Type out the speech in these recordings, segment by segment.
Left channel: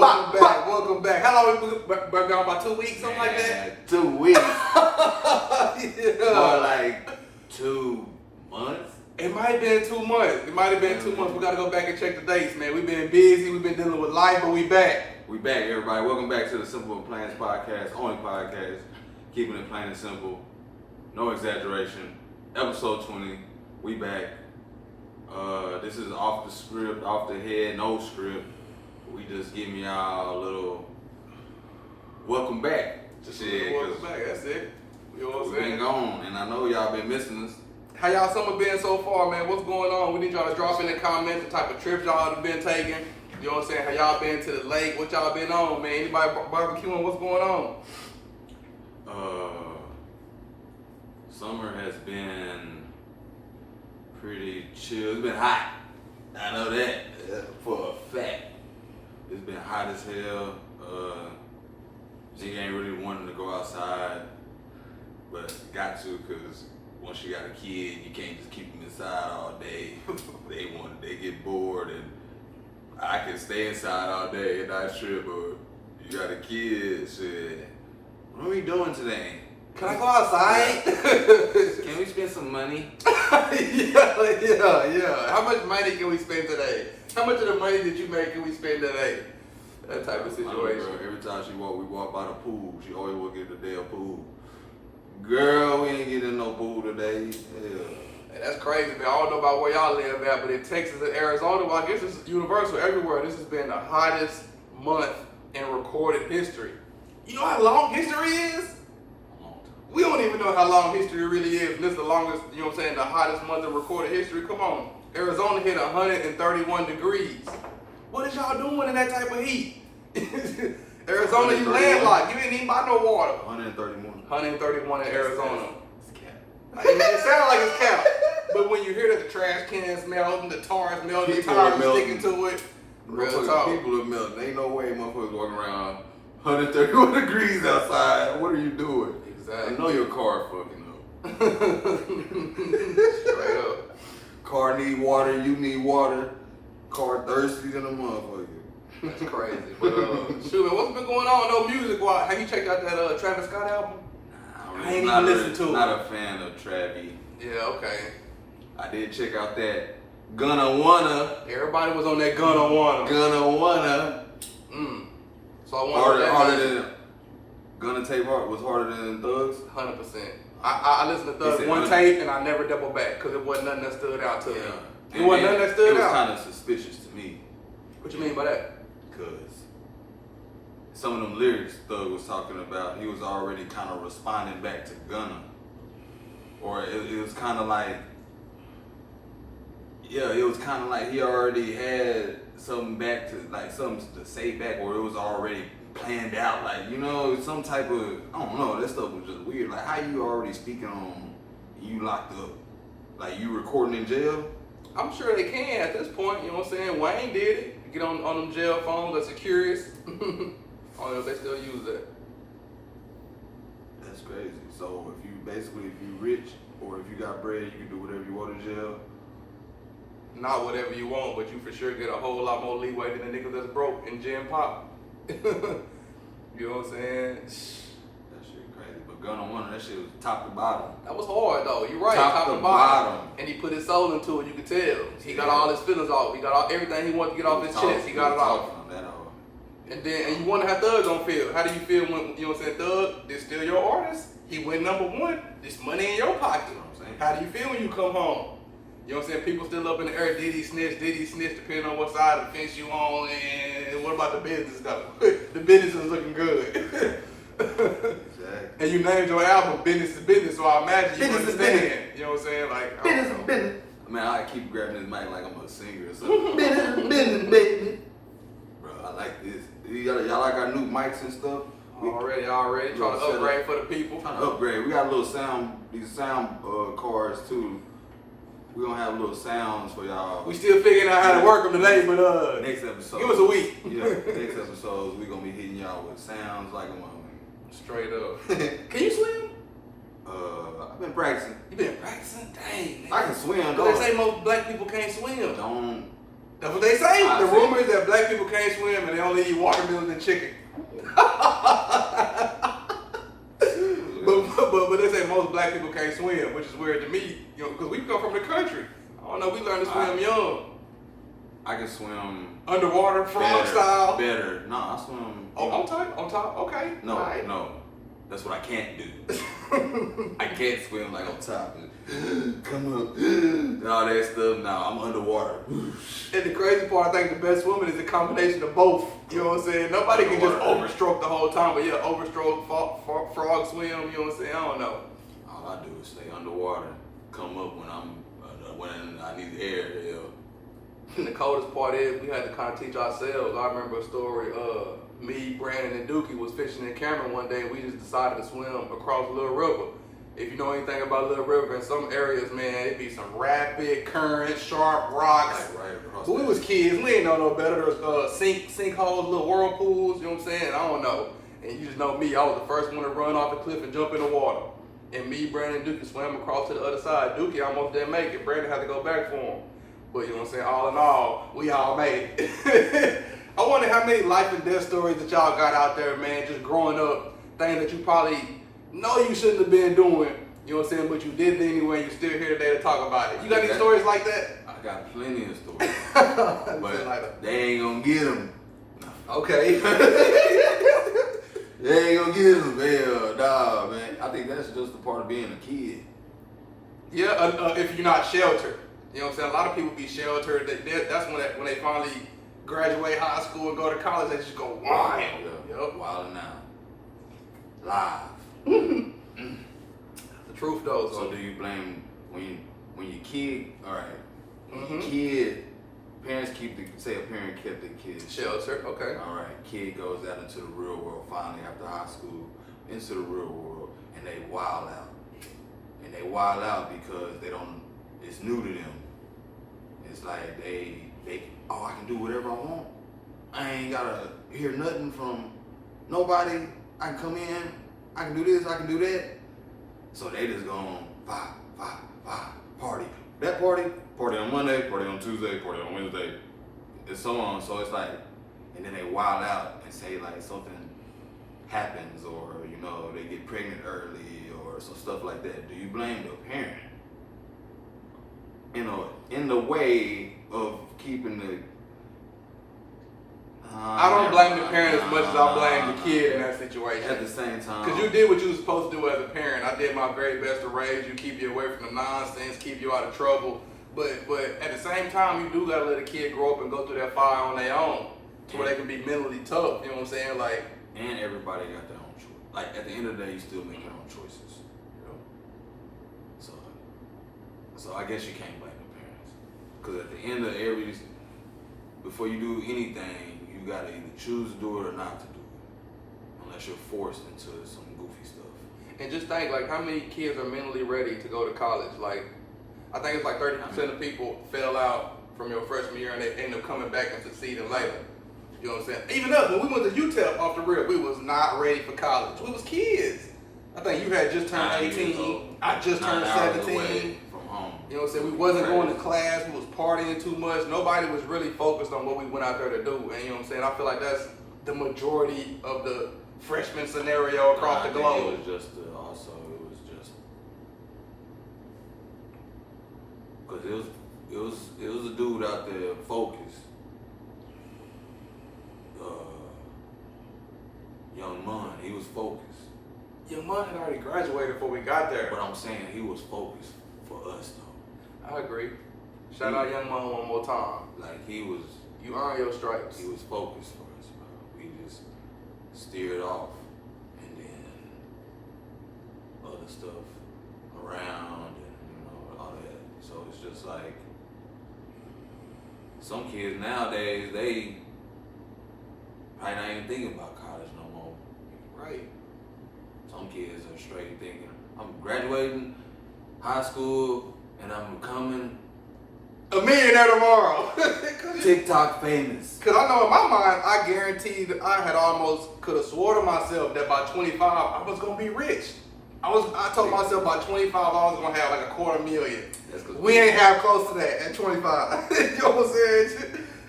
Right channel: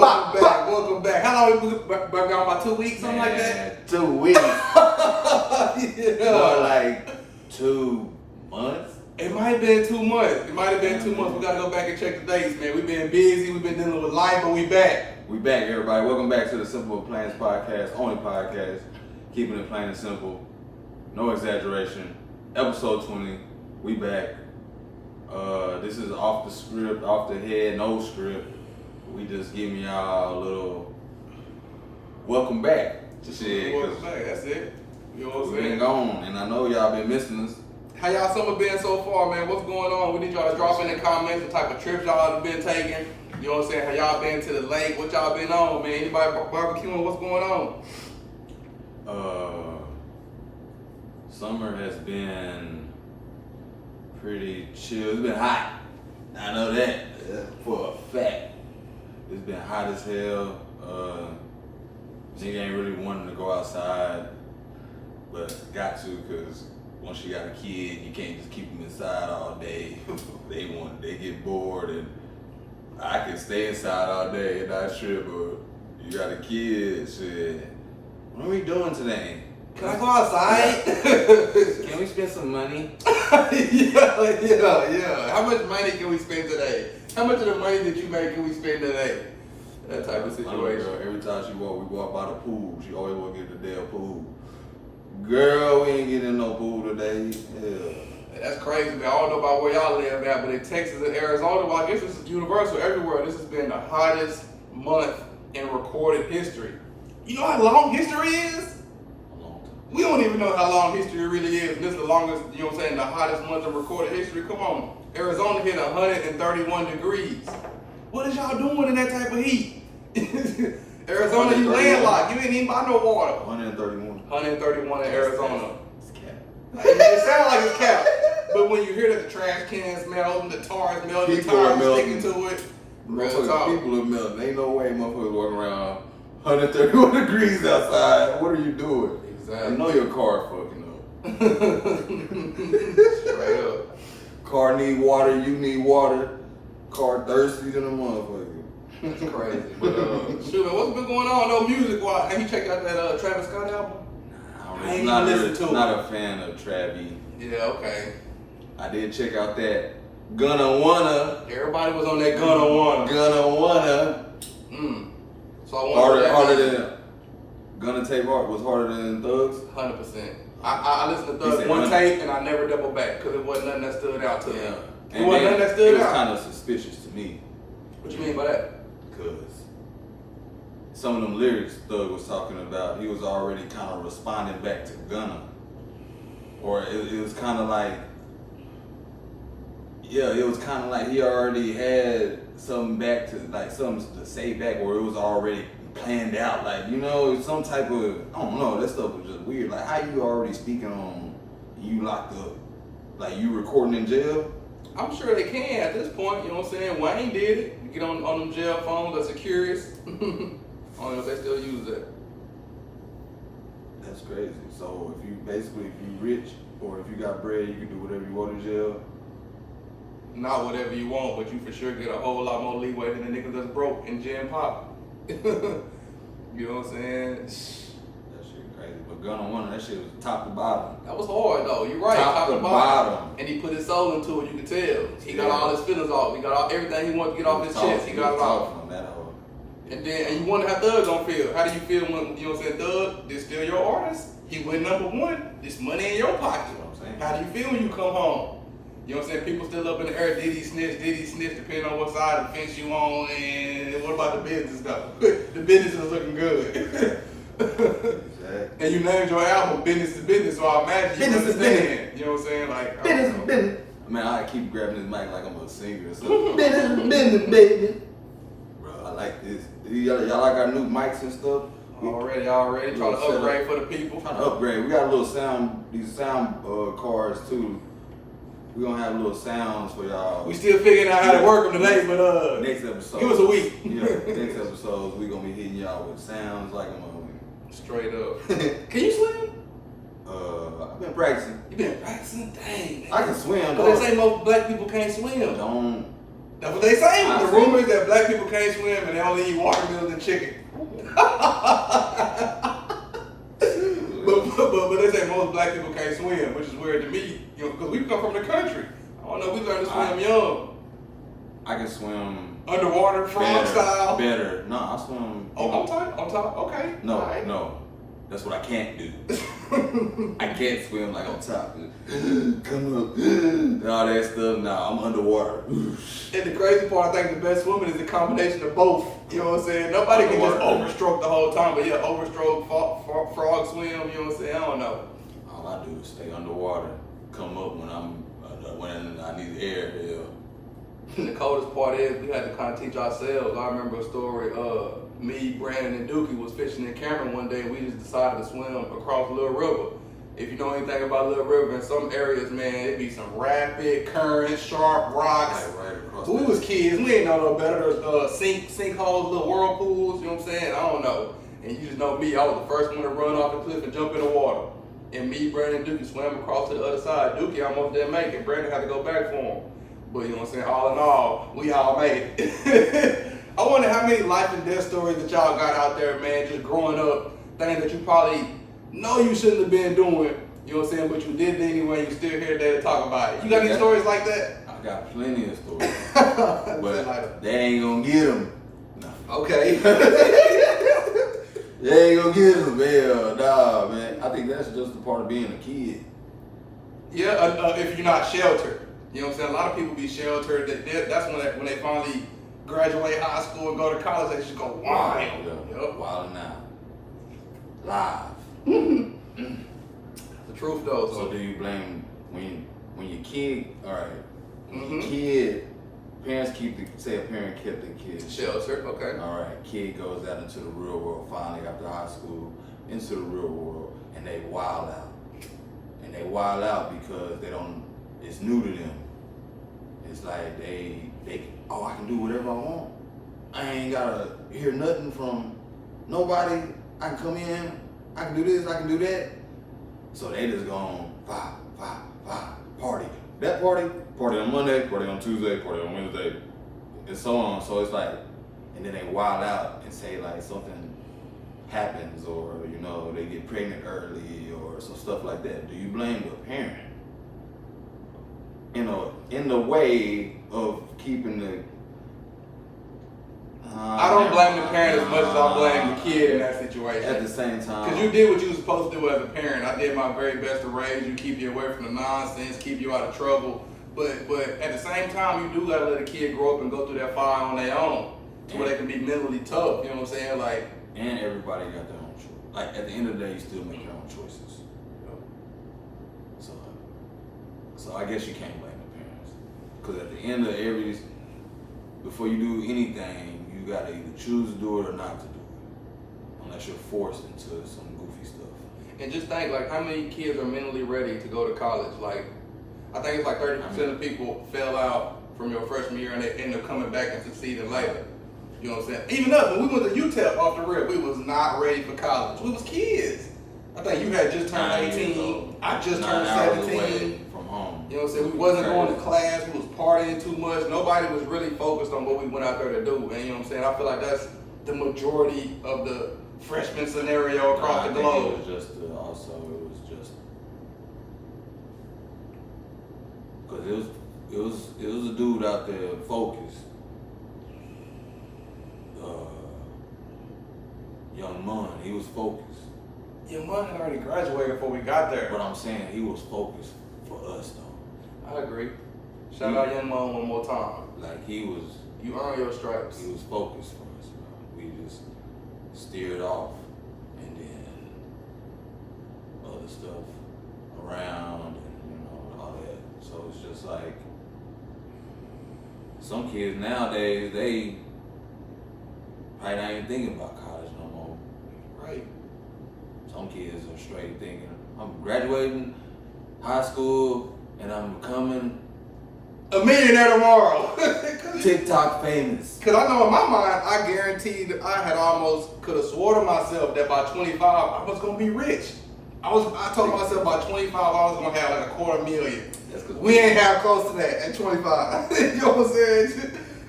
Welcome back. How long we been gone? About 2 weeks, something like that? 2 weeks. Yeah. More like 2 months. It might have been 2 months. We gotta go back and check the dates, man. We've been busy. We've been dealing with life, but we back. We back, everybody. Welcome back to the Simple Planez podcast, only podcast, keeping it plain and simple, no exaggeration. Episode 20. We back. This is off the script, off the head, no script. We just giving y'all a little welcome back. Welcome back. That's it. You know what I'm We've been gone, and I know y'all been missing us. How y'all summer been so far, man? What's going on? We need y'all to drop in the comments the type of trips y'all have been taking. You know what I'm saying? How y'all been to the lake? What y'all been on, man? Anybody barbecuing? What's going on? Summer has been pretty chill. It's been hot. I know that for a fact. It's been hot as hell. Nigga ain't really wanting to go outside, but got to, because once you got a kid, you can't just keep them inside all day. They get bored, and I can stay inside all day and not trip, but you got a kid, shit. What are we doing today? Can I go outside? Can we spend some money? Yeah. How much money can we spend today? How much of the money that you make can we spend today? That type of situation. Girl, every time we walk by the pool. She always walk in the damn pool. Girl, we ain't getting no pool today. Yeah. That's crazy, man. I don't know about where y'all live at, but in Texas and Arizona, well, I guess this is universal everywhere. This has been the hottest month in recorded history. You know how long history is? We don't even know how long history really is. This is the longest, you know what I'm saying, the hottest month in recorded history. Come on. Arizona hit 131 degrees. What is y'all doing in that type of heat? Arizona, you landlocked. You didn't even buy no water. 131. 131 in Arizona. It's cap. It sounds like it's cap. But when you hear that the trash cans melting, the tires melting, the tires sticking to it, real talk. People are melting. Ain't no way motherfuckers walking around 131 degrees outside. What are you doing? Exactly. You know your car fucking up. Straight up. Car need water, you need water. Car thirsty than a motherfucker. That's crazy. But shoot, man, what's been going on? No music wise. Have you checked out that Travis Scott album? I ain't even listened to it. Not a fan of Travis. Yeah, okay. I did check out that Gonna Wanna. Everybody was on that Gonna Wanna. Gonna Wanna. So I wonder harder than Gonna Tape was harder than Thugs? 100%. I listened to Thugs one tape and I never doubled back because it wasn't nothing that stood out to me. It wasn't nothing that stood out. It was kind of suspicious to me. What you mean by that? Because some of them lyrics Thug was talking about, he was already kind of responding back to Gunna. Or it was kind of like, it was kind of like he already had something back to, like something to say back, or it was already planned out, like, you know, some type of, I don't know, that stuff was just weird. Like, how you already speaking on you locked up? Like, you recording in jail? I'm sure they can at this point, you know what I'm saying? Wayne did it. You get on them jail phones, that's Securious. I don't know if they still use that. That's crazy. So if you rich, or if you got bread, you can do whatever you want in jail? Not whatever you want, but you for sure get a whole lot more leeway than the niggas that's broke in Gen Pop. You know what I'm saying? That shit crazy. But Gunna Wanna, that shit was top to bottom. That was hard though. You're right. Top to bottom. And he put his soul into it. You can tell. He got all his feelings off. He got everything he wanted to get off his chest. He got it off. And you wonder how Thug gonna feel. How do you feel when, you know what I'm saying, Thug, this still your artist? He went #1. This money in your pocket. How do you feel when you come home? You know what I'm saying? People still up in the air. Did he snitch, depending on what side of the fence you on. And what about the business though? The business is looking good. Exactly. And you named your album Business to Business, so I imagine you understand. You know what I'm saying? Like, business. I mean, I keep grabbing this mic like I'm a singer or something. Business, baby. Bro, I like this. Y'all like our new mics and stuff? Already. Trying to upgrade for the people. Trying to upgrade. We got a little these sound cards too. We're gonna have little sounds for y'all. We still figuring out how to work them today, but next episode. Give us a week. Yeah, next episodes we gonna be hitting y'all with sounds like a mother. Straight up. Can you swim? I've been practicing. You been practicing? Dang. I can swim though. They say most black people can't swim. That's what they say. I The see. rumor is that black people can't swim and they only eat watermelon and chicken. but they say most black people can't swim, which is weird to me, you know, because we come from the country. I don't know, we learned to swim young. I can swim Underwater, frog style. Better. No, I swim. Oh, on top, okay. No, Right. no. That's what I can't do. I can't swim like on top. Come up. And all that stuff. Nah, I'm underwater. And the crazy part, I think the best swimming is a combination of both. You know what I'm saying? Nobody can just overstroke the whole time, but yeah, overstroke, frog swim, you know what I'm saying? I don't know. All I do is stay underwater. Come up when when I need the air. Yeah. The coldest part is we had to kind of teach ourselves. I remember a story, me, Brandon, and Dookie was fishing in Cameron one day and we just decided to swim across Little River. If you know anything about Little River, in some areas, man, it'd be some rapid currents, sharp rocks. Like right across. But we was kids, we ain't know no better. There's sinkholes, little whirlpools, you know what I'm saying? I don't know. And you just know me, I was the first one to run off the cliff and jump in the water. And me, Brandon, and Dookie swam across to the other side. Dookie almost didn't make it. Brandon had to go back for him. But you know what I'm saying? All in all, we all made it. I wonder how many life and death stories that y'all got out there, man, just growing up, things that you probably know you shouldn't have been doing, you know what I'm saying, but you did it anyway, and you're still here today to talk about it. You got any stories like that? I got plenty of stories. But they ain't gonna get them. No. Okay. They ain't gonna get them, man. Nah, man. I think that's just a part of being a kid. Yeah, if you're not sheltered. You know what I'm saying? A lot of people be sheltered. That's when they finally graduate high school and go to college, they just go wild. Yep. Wild and out. Live. The truth though. So do you blame when your kid, all right, Mhm. kid, parents say a parent kept the kid Sheltered, okay. All right, kid goes out into the real world finally after high school, into the real world, and they wild out. And they wild out because it's new to them. It's like they I can do whatever I want. I ain't gotta hear nothing from nobody. I can come in, I can do this, I can do that. So they just gone party. That party on Monday, party on Tuesday, party on Wednesday, and so on. So it's like, and then they wild out and say like something happens, or you know they get pregnant early, or some stuff like that. Do you blame the parent? You know, in the way of keeping the. I don't blame the parent as much as I blame the kid in that situation. At the same time. Because you did what you were supposed to do as a parent. I did my very best to raise you, keep you away from the nonsense, keep you out of trouble. But at the same time, you do gotta let a kid grow up and go through that fire on their own, to where they can be mentally tough. You know what I'm saying? Like. And everybody got their own choice. Like at the end of the day, you still make your own choices. So I guess you can't blame the parents. Because at the end of before you do anything, you gotta either choose to do it or not to do it. Unless you're forced into some goofy stuff. And just think, like, how many kids are mentally ready to go to college? Like, I think it's like 30% of people fail out from your freshman year and they end up coming back and succeeding later. You know what I'm saying? Even us, when we went to UTEP off the rip, we was not ready for college. We was kids. I think you had just turned 18. I just turned 17. From home. You know what I'm saying? We wasn't going to class. We was partying too much. Nobody was really focused on what we went out there to do. And you know what I'm saying? I feel like that's the majority of the freshman scenario across the globe. It was just because it was a dude out there focused. Young Mun, he was focused. Your mom had already graduated before we got there. But I'm saying he was focused for us though. I agree. Shout out Young Mom one more time. Like he was. You earn your stripes. He was focused for us, bro. We just steered off, and then other stuff around, and all that. So it's just like some kids nowadays, they probably not even thinking about college no more. Right. Some kids are straight thinking, I'm graduating high school and I'm becoming a millionaire tomorrow. TikTok famous. Because I know in my mind, I guaranteed I had almost could have swore to myself that by 25, I was going to be rich. I told myself by 25, I was going to have like $250,000. We ain't have close to that at 25. You know what I'm saying?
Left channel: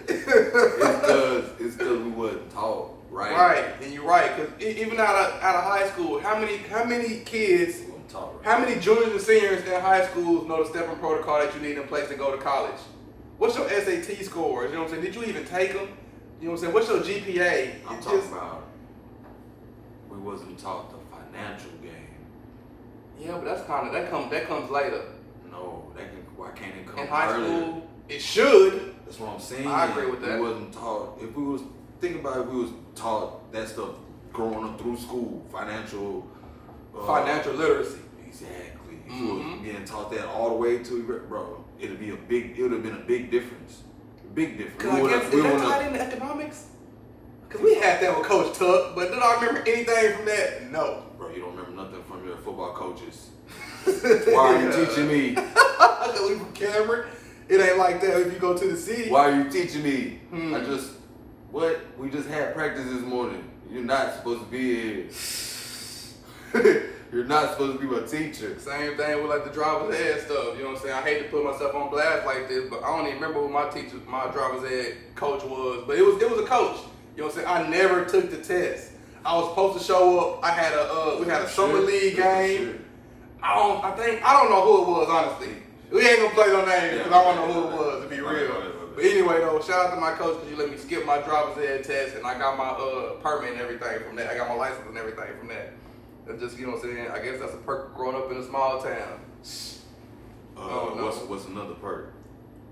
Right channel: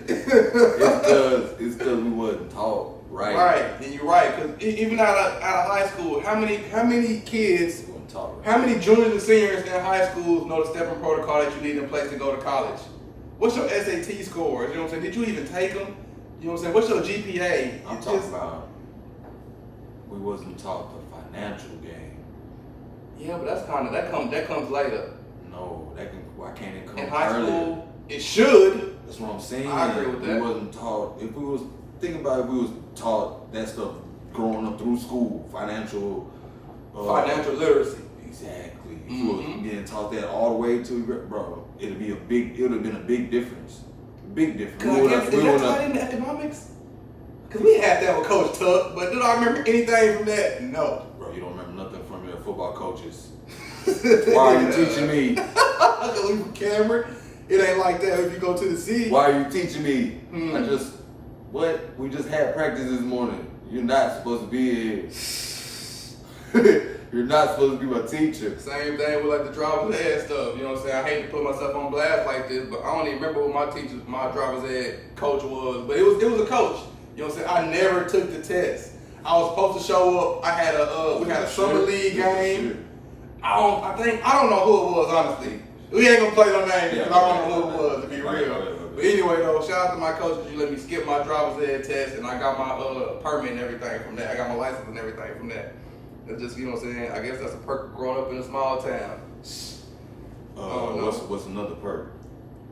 It's because we wasn't taught right. Right, and you're right. Because even out of high school, how many kids, We wasn't taught right. how many juniors and seniors in high schools know the step-in protocol that you need in place to go to college? What's your SAT scores? You know what I'm saying? Did you even take them? You know what I'm saying? What's your GPA? I'm talking about we wasn't taught the financial game. Yeah, but that comes later. No, why can't it come In high earlier? school, it should. That's what I'm saying. I agree with that. We wasn't taught. If we was taught that stuff growing up through school, financial Financial literacy. Exactly. If we was being taught that all the way to, bro, it would have been a big difference. Big difference. Cause I guess, is that tied into economics? Because we had that with Coach Tuck, but did I remember anything from that? No. Bro, you don't remember nothing from your football coaches. Why are you teaching me? Because we from Cameron. It ain't like that if you go to the city. Why are you teaching me? We just had practice this morning. You're not supposed to be here. You're not supposed to be my teacher. Same thing with like the driver's ed stuff. You know what I'm saying? I hate to put myself on blast like this, but I don't even remember who my driver's ed coach was. But it was a coach. You know what I'm saying? I never took the test. I was supposed to show up. We had a summer league game. I don't know who it was, honestly. We ain't gonna play no names because I don't know who it was, to be real. But anyway, though, shout out to my coach because you let me skip my driver's ed test and I got my permit and everything from that. I got my license and everything from that. That's just, you know what I'm saying? I guess that's a perk of growing up in a small town. What's another perk?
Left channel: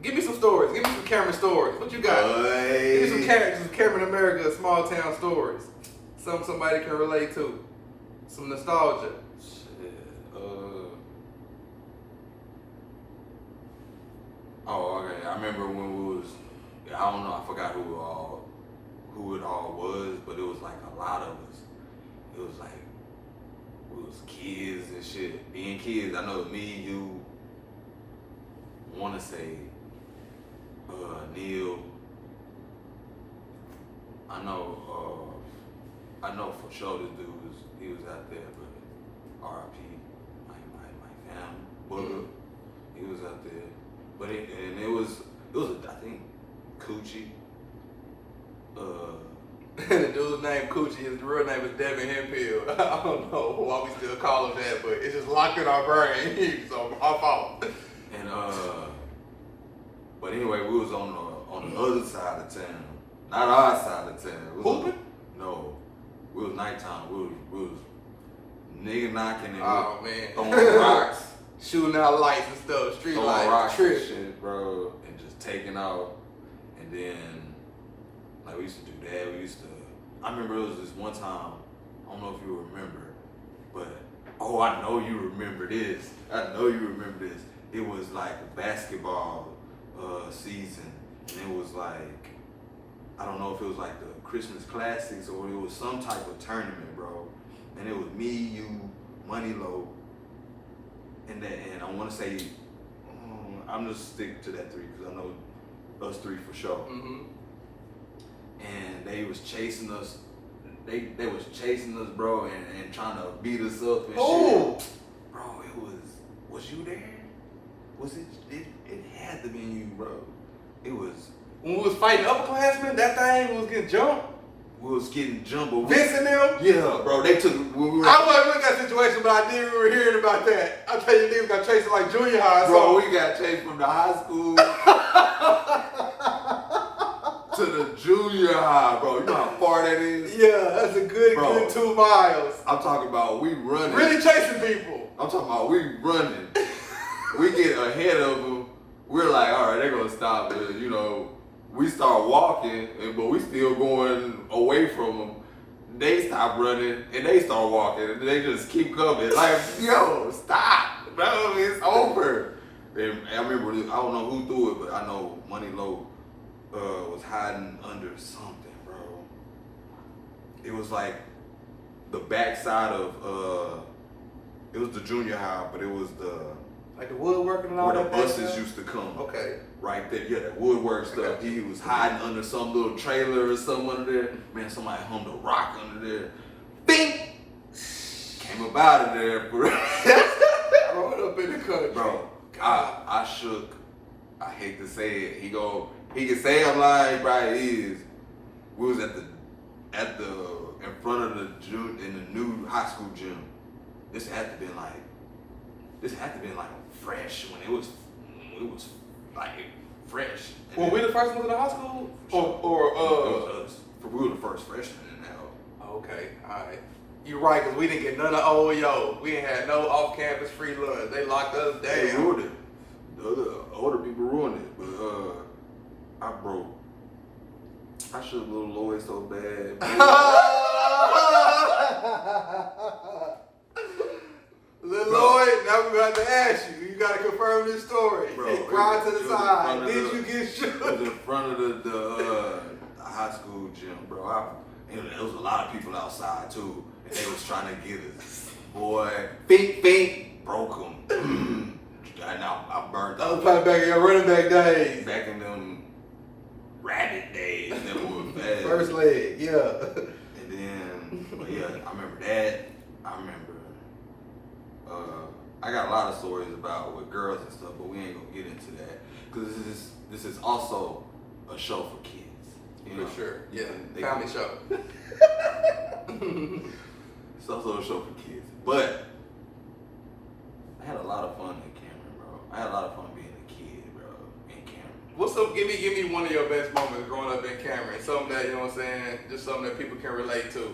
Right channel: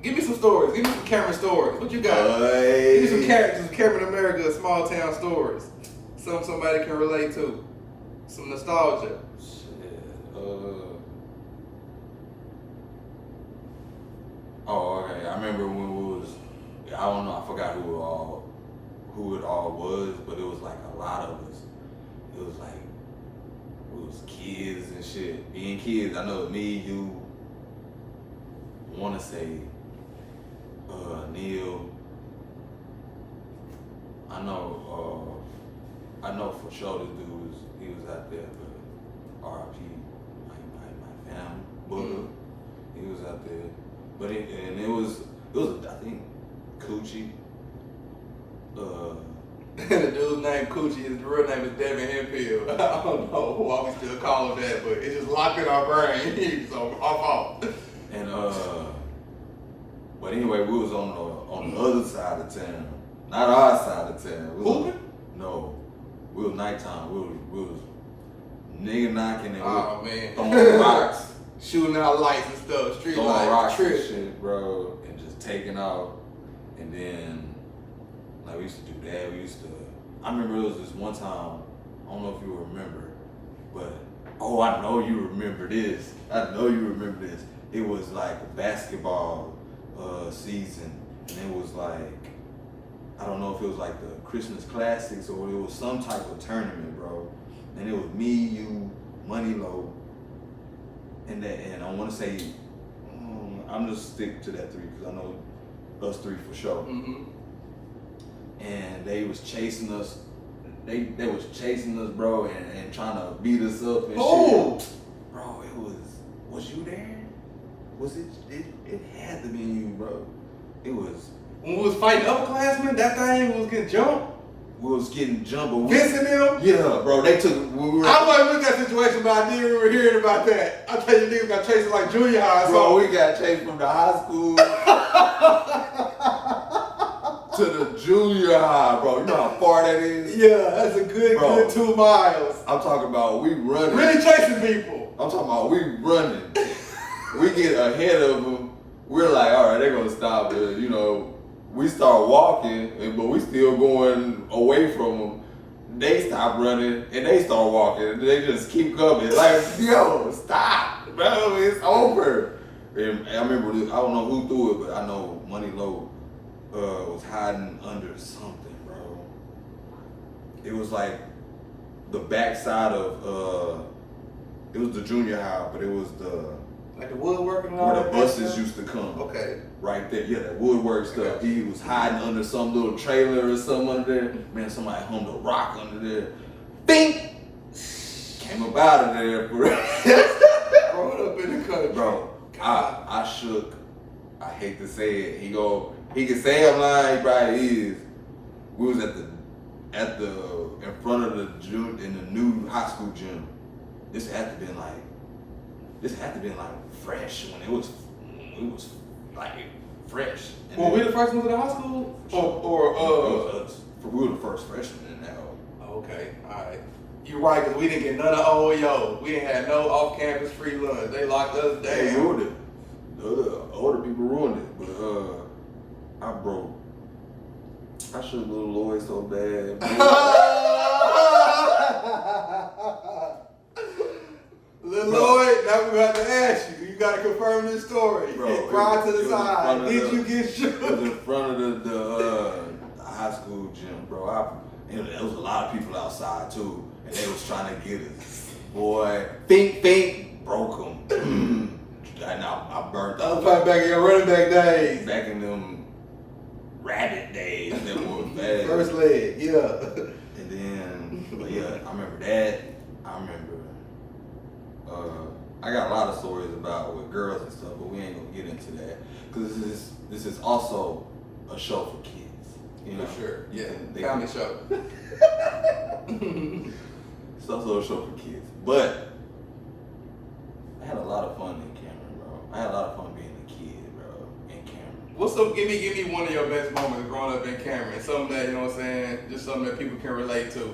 Give me some stories. Give me some Cameron stories. What you got? Give me some Cameron America small town stories. Something somebody can relate to. Some nostalgia. Okay. I remember when we was, I don't know, I forgot who it all was, but it was like a lot of us. It was like, we was kids and shit. Being kids, I know me, you, want to say, Neil. I know for sure this dude he was out there, but R.I.P. my family, Booger, he was out there. But it was I think Coochie. The dude's name Coochie, his real name is Devin Hemphill. I don't know why we still call him that, but it's just locked in our brain. So our fault. And but anyway, we was on the other side of town, not our side of town. Hooping? No, we was nighttime. We was nigga knocking and throwing rocks. Shooting out lights and stuff, street throwing lights, rocks trip. and shit, bro, and just taking out. And then, like, we used to do that. I remember it was this one time, I don't know if you remember, but, I know you remember this. It was like a basketball season, and it was like, I don't know if it was like the Christmas Classics or it was some type of tournament, bro. And it was me, you, Money Low, and I want to say, I'm just stick to that three because I know us three for sure. Mm-hmm. And they was chasing us. They was chasing us, bro, and trying to beat us up and shit. Bro, it was you there? Was it? It had to be you, bro. It was. When we was fighting upperclassmen, that thing was getting jumped. We was getting jumped. Vince and them? Yeah, bro. They took. I wasn't in that situation, but I did remember hearing about that. I tell you, niggas got chased like junior high. Bro, we got chased from the high school to the junior high, bro. You know how far that is? Yeah, that's a good 2 miles. I'm talking about we running. Really chasing people. I'm talking about we running. We get ahead of them. We're like, all right, they're gonna stop. But, you know, we start walking, but we still going away from them. They stop running and they start walking. And they just keep coming. Like, yo, stop, bro. It's over. And I remember, I don't know who threw it, but I know Money Low was hiding under something, bro. It was like the backside of, it was the junior high, but it was like the woodworking and all where that. the buses used to come. Okay. Right there, yeah, that woodwork stuff. He was hiding under some little trailer or something under there. Man, somebody hummed a rock under there. Bing! Came up out of there, bro. Growing up in the country. Bro, I shook. I hate to say it. He He can say I'm lying. He probably is. We was at the in front of the gym in the new high school gym. This had to been like fresh when it was like fresh. And Were we the first ones in the high school? It was us. We were the first freshmen in that hole. Okay, alright. You're right, because we didn't get none of OEO. We didn't have no off-campus free lunch. They locked us down. They ruined it. The older people ruined it. But I should have little Lloyd so bad. Little Lloyd, now we're going to have to ask you. You got to confirm this story. Bro, Cry to the it was side. Did you get It shook? was in front of the high school gym, bro. There was a lot of people outside too, and they was trying to get us. Boy, think, broke them. And I burnt I was up. playing back in your running back days. Back in them rabbit days that were bad. First leg, yeah. And then, but yeah, I remember that. I remember. I got a lot of stories about with girls and stuff, but we ain't gonna get into that because this is also a show for kids. You know? For sure, yeah. They Family show. It's also a show for kids, but I had a lot of fun in Cameron, bro. I had a lot of fun being a kid, bro, in Cameron. Give me one of your best moments growing up in Cameron. Something that, you know what I'm saying, just something that people can relate to.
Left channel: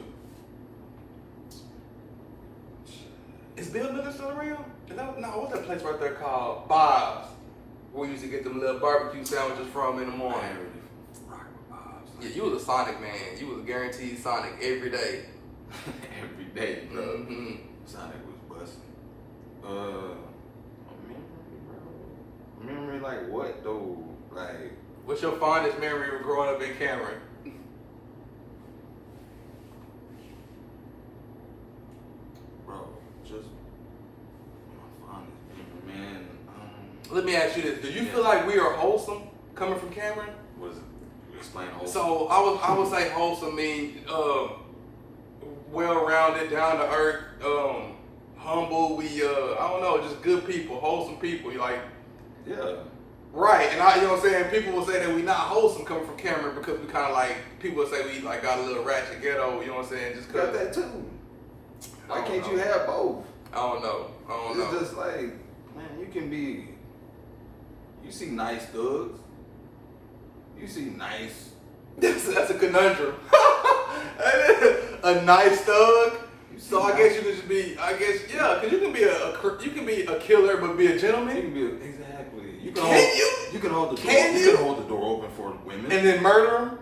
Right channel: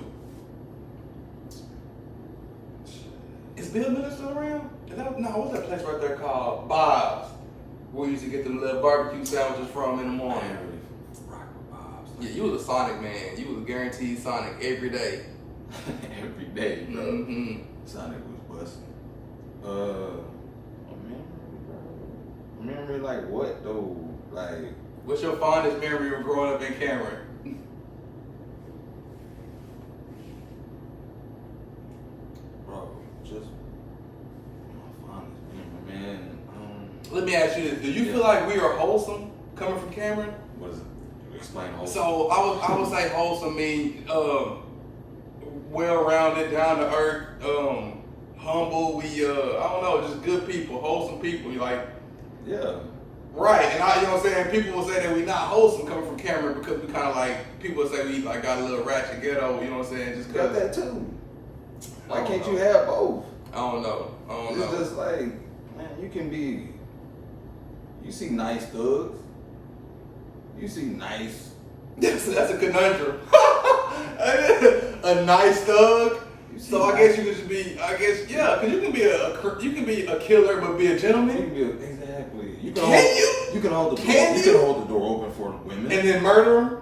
Is Bill Miller still around? What's that place right there called? Bob's. Where we used to get them little barbecue sandwiches from in the I morning. ain't really rock with Bob's. Yeah, you was a Sonic man. You was guaranteed Sonic every day. Every day, bro. Mm-hmm. Sonic was busting. Memory like what though? Like, What's your fondest memory of growing up in Cameron? bro, just my fondest memory, man. Let me ask you this. Do you feel like we are wholesome coming from Cameron? What is it? Explain the whole. So I would say wholesome mean well-rounded, down to earth, humble. We I don't know, just good people, wholesome people. You like Yeah. right? And you know what I'm saying. People will say that we not wholesome coming from Cameron because we kind of like people will say we like got a little ratchet ghetto. You know what I'm saying? Just Got cause that too. Why I don't can't know. you have both? I don't know. It's just like, man, you can be. You see nice thugs. You see nice. That's a conundrum. A nice thug. So I guess you could just be. I guess yeah, because you can be a killer but be a You gentleman. can be exactly. You can Can hold, you? You can hold the door. Can You you? can hold the door open for women. And then murder them.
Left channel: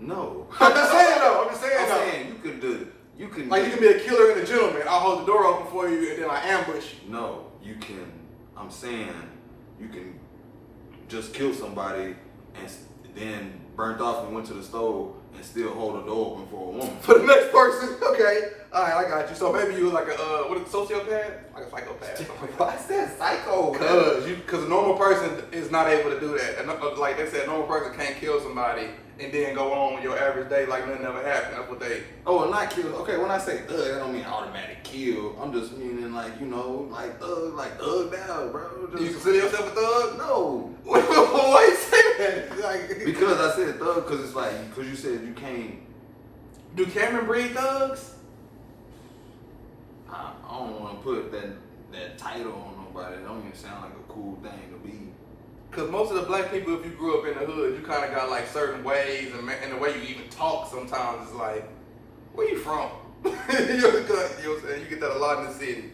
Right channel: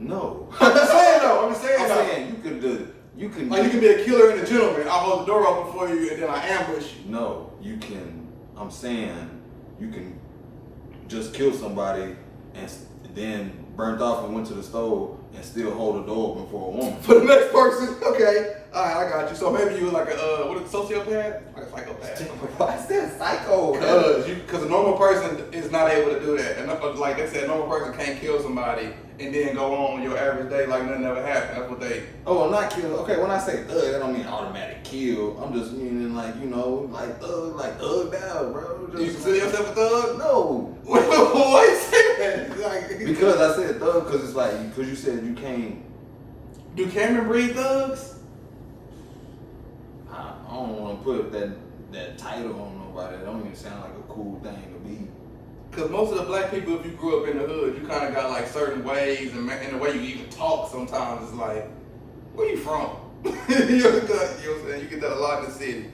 No. I'm just saying though. I'm just saying I'm though. saying you could do. You can. Like you can be a killer and a gentleman. I'll hold the door open for you and then I ambush you. No, you can. I'm saying you can just kill somebody and then burnt off and went to the stove and still hold the door open for a woman. For the next person, okay. Alright, I got you. So maybe you were like a sociopath? Like a psychopath. Why is that psycho? Because a normal person is not able to do that. And like they said, a normal person can't kill somebody and then go on your average day like nothing ever happened. That's what they. Oh, not kill. Okay, when I say thug, I don't mean automatic kill. I'm just meaning like, you know, like thugged out, bro. Just, You consider yourself a thug? No. Why you say that? Like, Because I said thug, because it's like, because you said you can't. do Cameron breed thugs? I don't want to put that title on nobody. That don't even sound like a cool thing to be. Because most of the black people, if you grew up in the hood, you kind of got like certain ways, and the way you even talk sometimes is like, where you from? You know what I'm saying? You get that a lot in the city.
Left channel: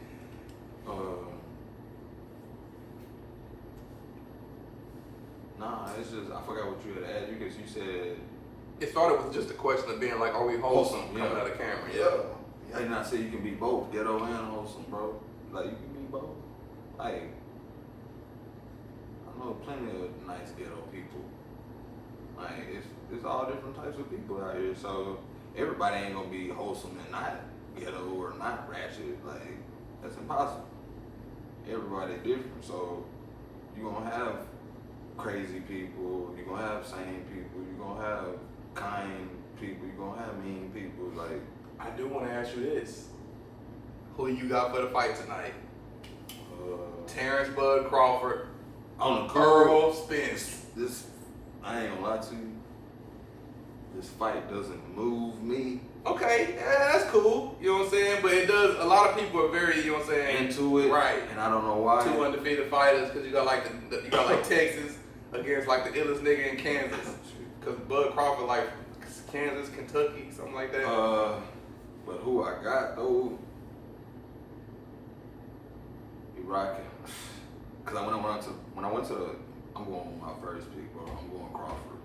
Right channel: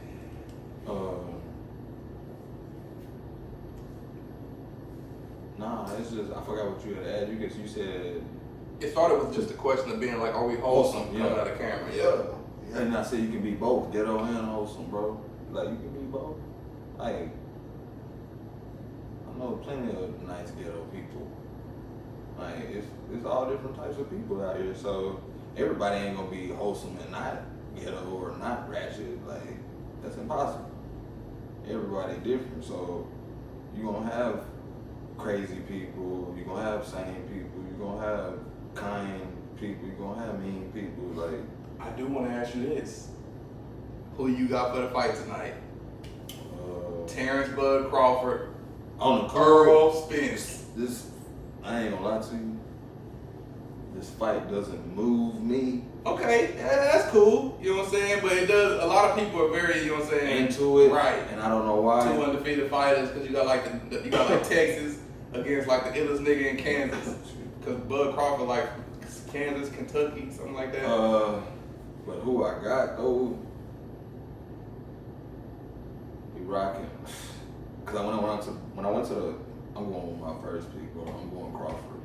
Nah, it's just, I forgot what you had added because you said. It started with just a question of being like, are we wholesome Wholesome, coming yeah. out of Cameron? Yeah. And I said you can be both, ghetto and wholesome, bro. Like you can be both. Like I know plenty of nice ghetto people. Like it's all different types of people out here. So everybody ain't gonna be wholesome and not ghetto or not ratchet. Like that's impossible. Everybody different. So you gonna have crazy people. You gonna have sane people. You gonna have kind people. You gonna have mean people. Like. I do want to ask you this. Who you got for the fight tonight? Terrence Bud Crawford, On the Earl Spence. This I ain't gonna lie to you. This fight doesn't move me. Okay, yeah, that's cool. You know what I'm saying? But it does. A lot of people are very, you know what I'm saying, Into it, right? And I don't know why. Two undefeated fighters because you got like you got like Texas against like the illest nigga in Kansas because Bud Crawford like Kansas, Kentucky, something like that. But who I got though? He rocking. Cause when I went to the, I'm going with my first pick, bro. I'm going Crawford.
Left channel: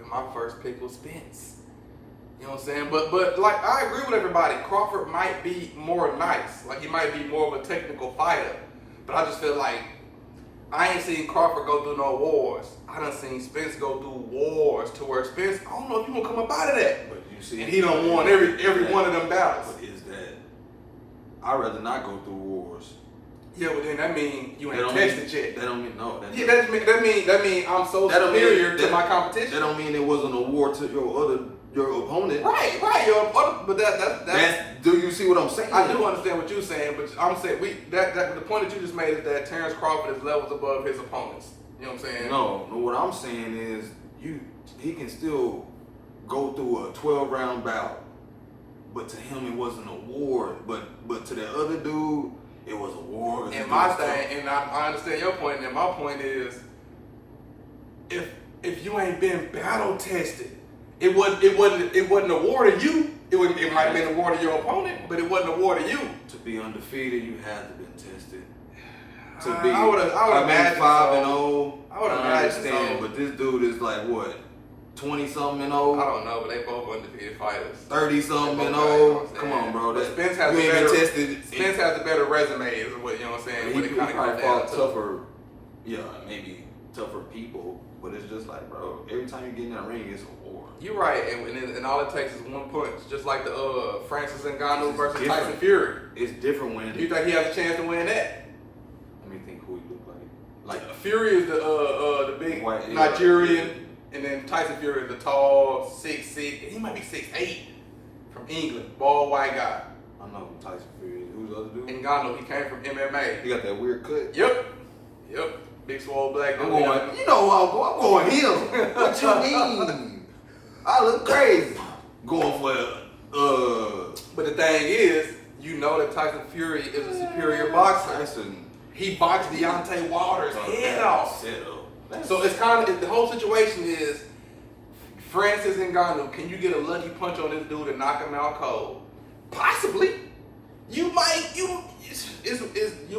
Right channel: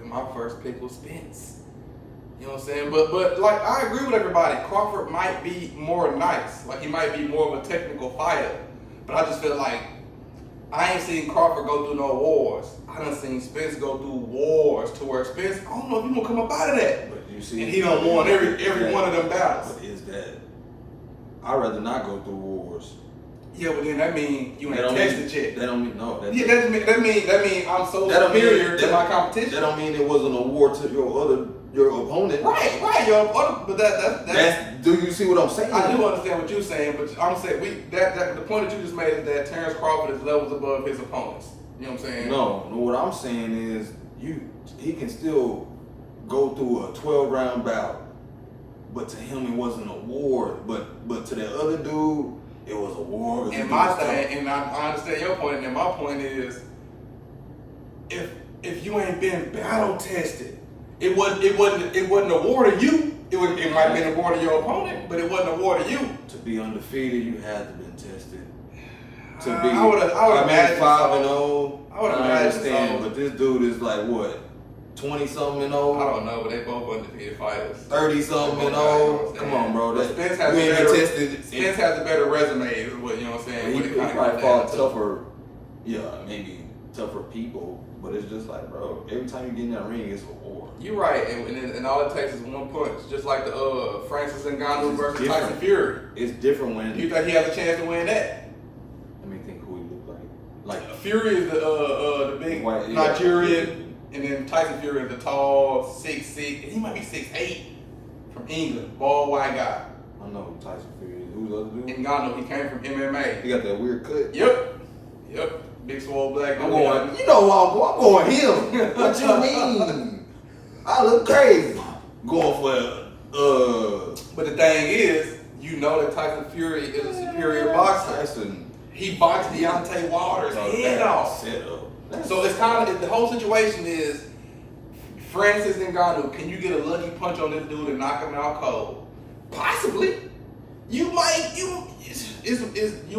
And my first pick was Spence. You know what I'm saying? But like I agree with everybody. Crawford might be more nice. Like he might be more of a technical fighter. But I just feel like I ain't seen Crawford go through no wars. I done seen Spence go through wars to where Spence, I don't know if he gonna come up out of that. But you see, And he done won every one of them battles. But is that? I'd rather not go through wars. Yeah, but then that mean you ain't tested yet. That don't mean no. Yeah, that mean I'm so superior to my competition. That don't mean it wasn't a war to your opponent. Right, but that's do you see what I'm saying? I do understand what you're saying, but I'm saying the point that you just made is that Terrence Crawford is levels above his opponents. You know what I'm saying? No, what I'm saying is he can still go through a 12-round bout, but to him it wasn't a war. But to that other dude, it was a war. And my thing, and I understand your point, and my point is, if you ain't been battle tested, it wasn't a war to you. It might have been a war to your opponent, but it wasn't a war to you. To be undefeated, you had to been tested. To I be, would imagine 5-0. I would I imagine understand, so. but this dude is like what, 20-something and old? I don't know, but they both undefeated fighters. 30-something and old. Come on, bro. But Spence has you ain't been better, tested. Spence has a better resume, is what you know what I'm saying. He When it kinda probably comes down fought to- tougher, yeah, maybe tougher people, but it's just like, bro, every time you get in that ring, it's a war. You're right, and all it takes is one punch, just like the Francis Ngannou It's versus different. Tyson Fury. It's different when. Do you think he has a chance to win that? Let me think who he looked like. Like Fury is the big White- Nigerian, and then Tyson Fury is the tall 6'6", and he might be 6'8", from England, bald white guy. I don't know who Tyson Fury is. Who's the other dude? Ngannou, he came from MMA. He got that weird cut. Yep, big swole black. I'm going. You know who I'm going him. What you mean? I look crazy. Going for But the thing is, you know that Tyson Fury is a superior boxer. Tyson. He boxed Deontay Wilder's head off. Setup. So it's kind of the whole situation is Francis Ngannou. Can you get a lucky punch on this dude and knock him out cold? Possibly. You might. You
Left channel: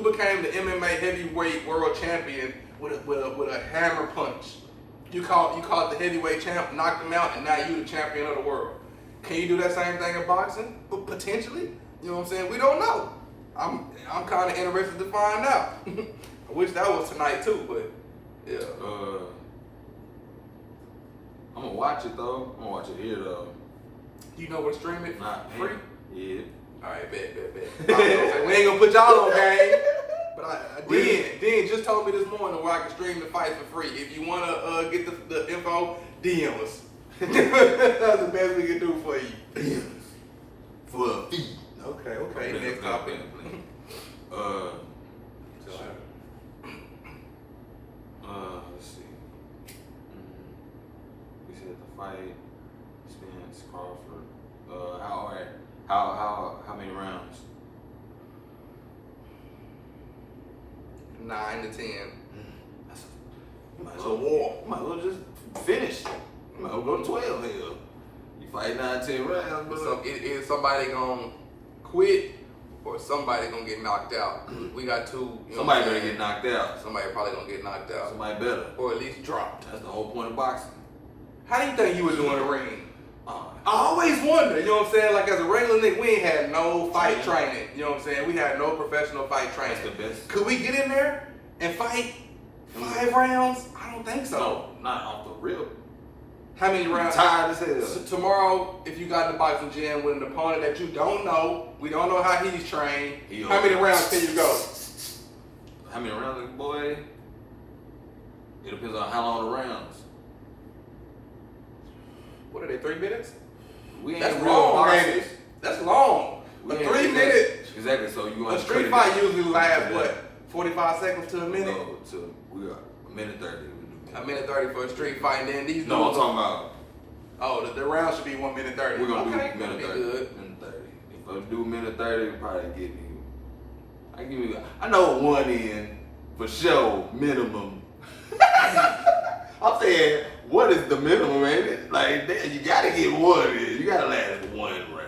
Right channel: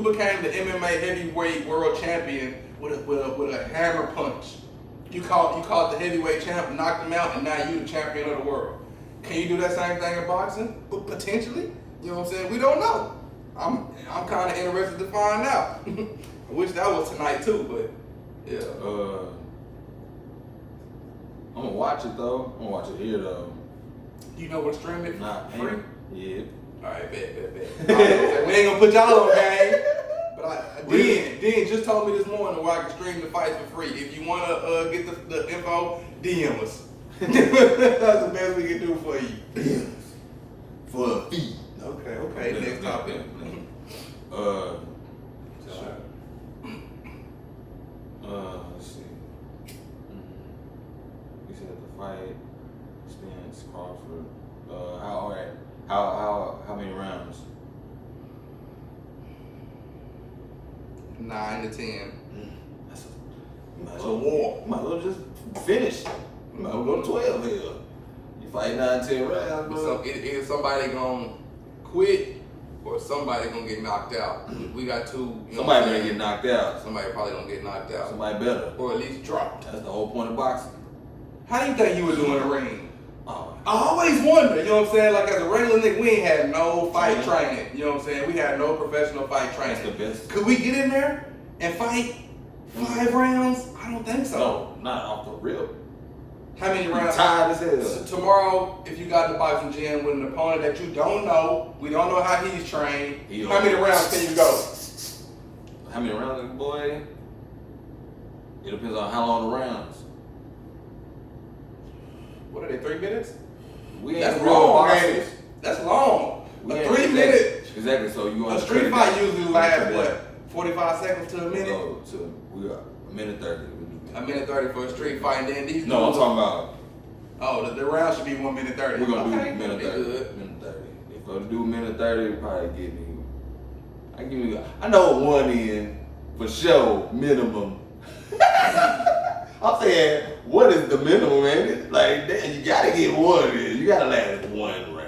became the MMA heavyweight world champion with a hammer punch. You call it the heavyweight champ, knocked him out, and now you the champion of the world. Can you do that same thing in boxing? Potentially. You know what I'm saying? We don't know. I'm kind of interested to find out. I wish that was tonight too, but yeah. I'm gonna watch it though. I'm gonna watch it here though. You know where to stream it? Not free. Yeah. All right, bet. We ain't gonna put y'all on game. But Den just told me this morning where I can stream the fight for free. If you wanna get the info, DM us. That's the best we can do for you. DM us. For a fee. Okay. Next topic. Let's see. We said the fight, Spence, Crawford. How many rounds? 9 to 10. It's a war. You might as well just finish. You might as well go to 12 here. You fight 9, 10 rounds, bro. So either somebody gonna quit or somebody gonna get knocked out. We got two. Somebody better get knocked out. Somebody probably gonna get knocked out. Somebody better. Or at least dropped. That's the whole point of boxing. How do you think you would do in the ring? Oh. I always wonder, you know what I'm saying? Like as a regular nigga, we ain't had no fight training. You know what I'm saying? We had no professional fight training. That's the best. Could we get in there and fight 5 rounds? I don't think so. No, not off the rip. How many rounds? Tired as hell. So tomorrow, if you got in the boxing gym with an opponent that you don't know, we don't know how he's trained, how many rounds can you go? How many rounds, boy? It depends on how long the rounds. What are they, 3 minutes? We ain't That's real long, boxers. baby. That's long. We A ain't 3 minute. Exactly. So you want A to street cut it fight down. usually lasts Cut it what? down. 45 seconds to a minute? So we got a minute 30. We do A minute 30 for a street fight, then these No, I'm dudes- talking about. Oh, the round should be 1 minute 30. We're gonna okay, do minute that'll 30. be good. Minute 30. If I do minute 30, probably give me. I know one in for sure minimum. I'm saying, what is the minimum, man? Like, damn, you gotta get one in. You gotta last one round.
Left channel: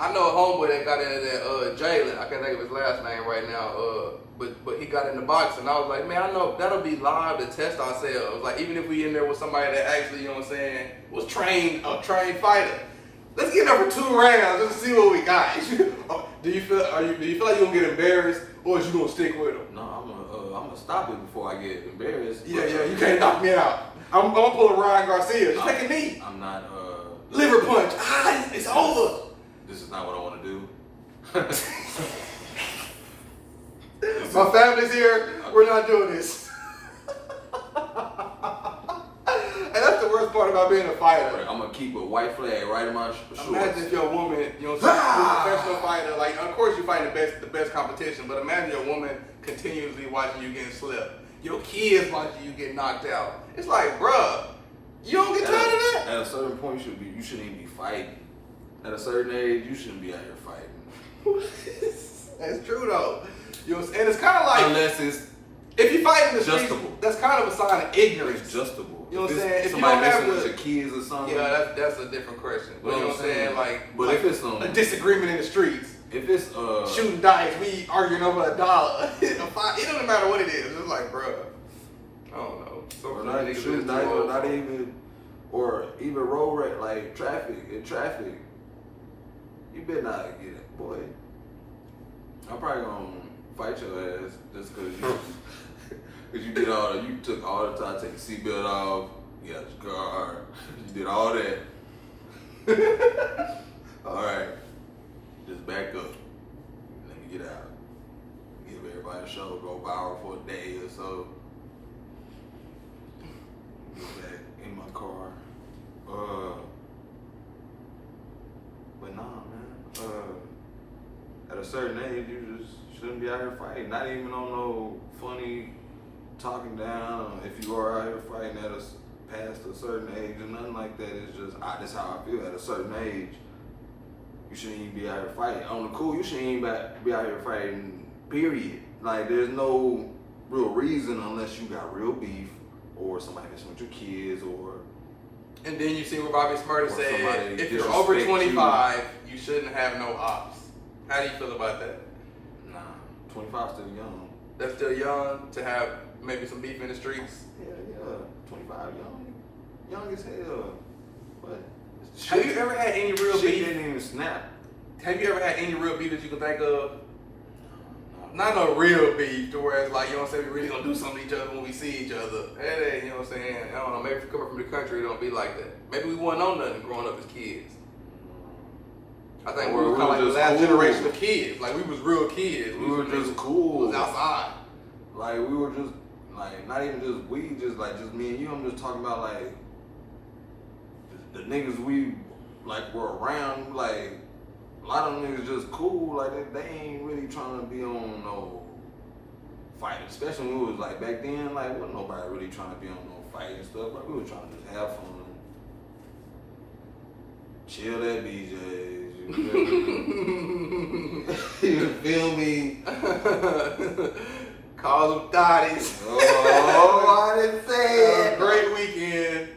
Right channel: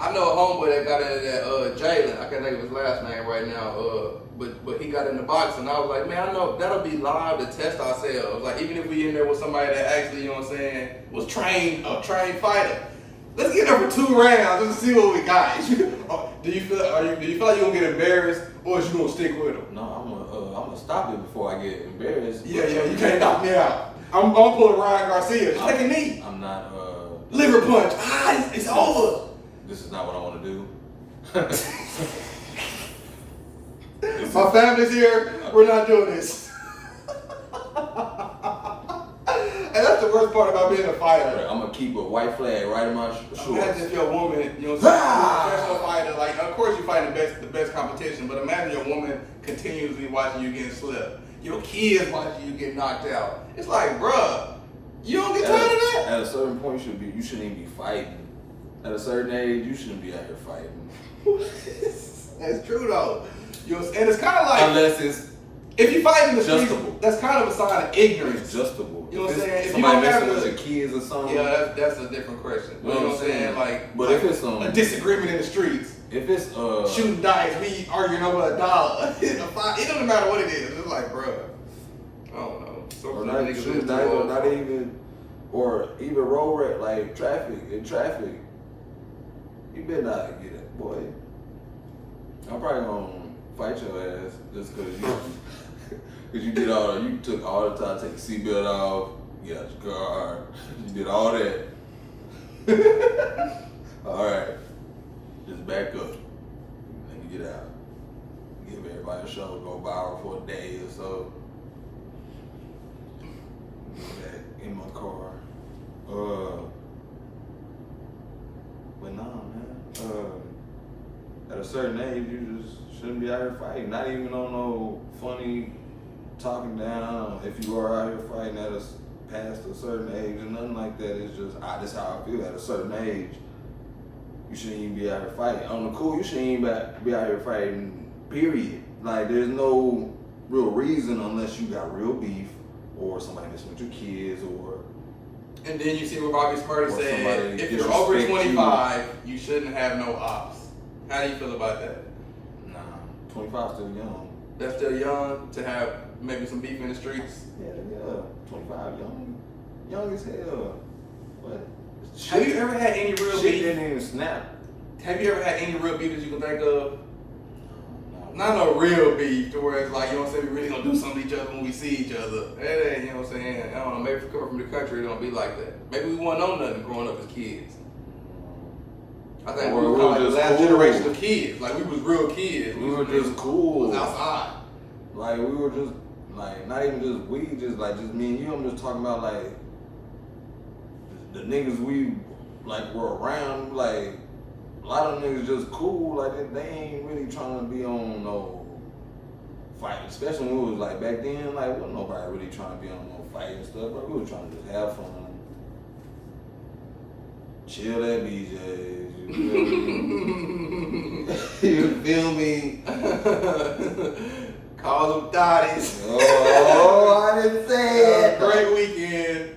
I know a homeboy that got into that Jalen. I can't think of his last name right now. But he got in the box, and I was like, man, I know that'll be live to test ourselves. Like, even if we in there with somebody that actually, you know what I'm saying, was a trained fighter. Let's get there for 2 rounds just to see what we got. do you feel like you're gonna get embarrassed, or is you gonna stick with him? No, I'm gonna stop it before I get embarrassed. Yeah, you can't knock me out. I'm gonna pull a Ryan Garcia. Just take a knee. I'm not. Liver punch. It's over. This is not what I want to do. My family's here. We're not doing this. And that's the worst part about being a fighter. I'm gonna keep a white flag right in my shorts. Imagine if your woman, you know, you're a professional fighter. Like, of course you fight the best competition, but imagine your woman continuously watching you getting slipped. Your kids watching you get knocked out. It's like, bruh, you don't get tired of that. At a certain point, you shouldn't even be fighting. At a certain age, you shouldn't be out here fighting. That's true though. You know, and it's kind of like Unless it's if you fight in the streets, adjustable. that's kind of a sign of ignorance. adjustable. You know what I'm saying? If you Somebody don't have messing with the- your kids or something. Yeah, that's a different question. But you know what I'm saying? Like, but if it's a disagreement in the streets, if it's shooting dice, we arguing over $1. It doesn't matter what it is. It's like, bruh, I don't know. So or some not niggas shooting is dice, too or old not for it. even, or even road rage, like traffic. You better not get it, boy. I'm probably gonna fight your ass just cause you you took all the time to take the seatbelt off, get out your car, you did all that. Alright. Just back up. Let me get out. Give everybody a show, go viral for a day or so. Get back in my car. But nah, man. At a certain age, you just shouldn't be out here fighting. Not even on no funny talking down. If you are out here fighting past a certain age or nothing like that, it's just that's how I feel. At a certain age, you shouldn't even be out here fighting. On the cool, you shouldn't even be out here fighting. Period. Like, there's no real reason unless you got real beef or somebody messing with your kids or. And then you see what Bobby Smurda Or said, somebody if you're over disrespect 25, you shouldn't have no ops. How do you feel about that? Nah, 25 still young. That's still young to have maybe some beef in the streets? Yeah, 25 young as hell. But Have you ever had any real shit beef? didn't even snap. Have you ever had any real beef that you can think of? Not a real beef to where it's like, you know what I'm saying, we really gonna do something to each other when we see each other. Hey, you know what I'm saying? I don't know, maybe if you're coming from the country, it don't be like that. Maybe we wasn't on nothing growing up as kids. I think we Or were we kind of like were the just last cool. generation of kids. Like, we was real kids. We were just We cool. was outside. Like, we were just, like, not even just we, just me and you. I'm just talking about, like, the niggas we, like, were around. Like, a lot of them niggas just cool. Like, they ain't really trying to be on no fight. Especially when we was, like, back then, like, wasn't nobody really trying to be on no fight and stuff. But we were trying to just have fun. Chill at BJ's. You feel me? Call them thotties. Oh, I didn't say it. Great weekend.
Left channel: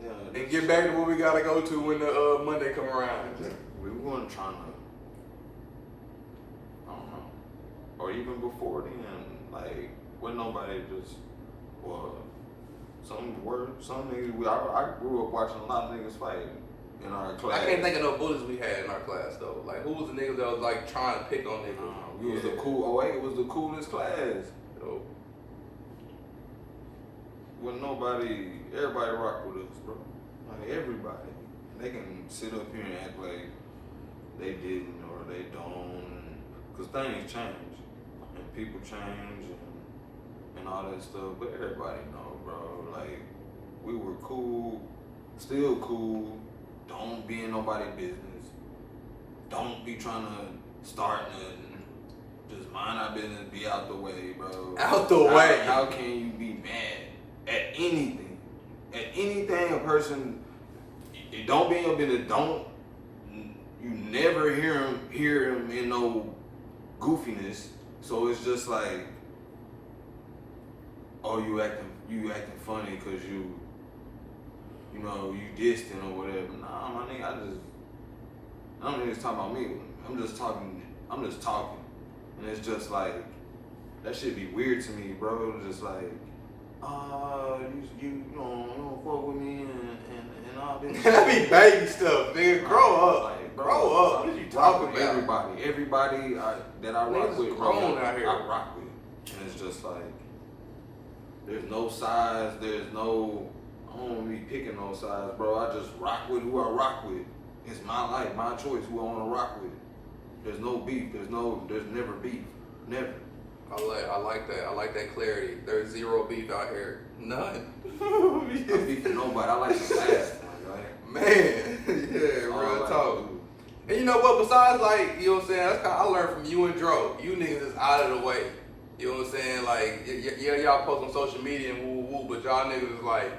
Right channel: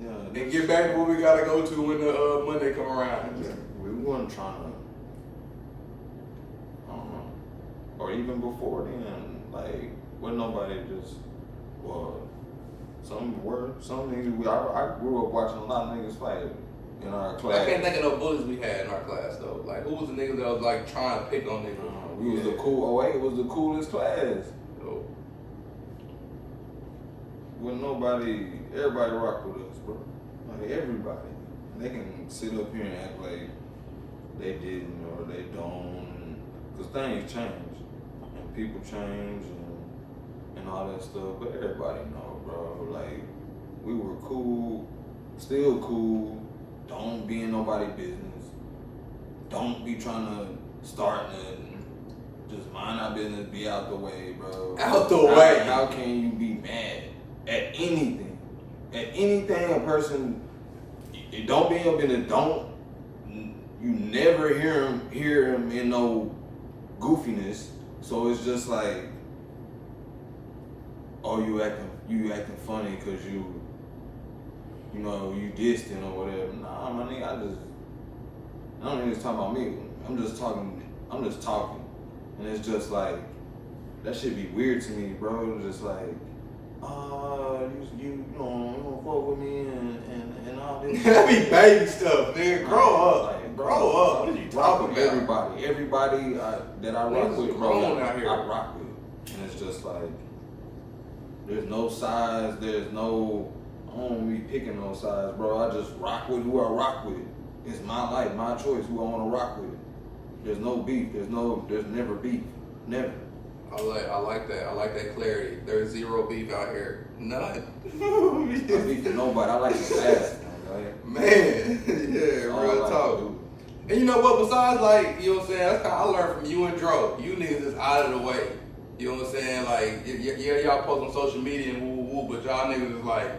Yeah, And get back to what we gotta go to when the Monday come around. we weren't trying to, I don't know, or even before then, like, when nobody just, well, some niggas, I grew up watching a lot of niggas fight in our class. I can't think of no bullies we had in our class though. Like, who was the niggas that was like trying to pick on niggas? We was the cool, 08 was the coolest class. Oh. When everybody rock with us, bro. Like, everybody. They can sit up here and act like they didn't or they don't, because things change and people change and all that stuff. But everybody know, bro. Like, we were cool, still cool. Don't be in nobody's business. Don't be trying to start nothing. Just mind our business, be out the way, bro. Out the way. How can you be mad at anything? At anything a person, it don't be in your business, you never hear him in no goofiness. So it's just like, oh, you acting funny because you distant or whatever. Nah, my nigga, I don't even talking about me. I'm just talking. And it's just like, that shit be weird to me, bro. Just like, you don't fuck with me and all this. That be baby stuff, nigga. Grow up. Like, Grow up. What are you talking about? Everybody that I rock with, bro, grown out here. I rock with. And it's just like, there's no size, I don't be picking no size, bro. I just rock with who I rock with. It's my life, my choice, who I want to rock with. There's no beef. There's never beef. Never. I like that. I like that clarity. There's zero beef out here. None. I beef with nobody. I like to laugh. Man, yeah, real talk. And you know what? Besides, like, you know what I'm saying? That's kind of, I learned from you and Dro. You niggas is out of the way. You know what I'm saying? Like, yeah, y'all post on social media and woo, but y'all niggas is like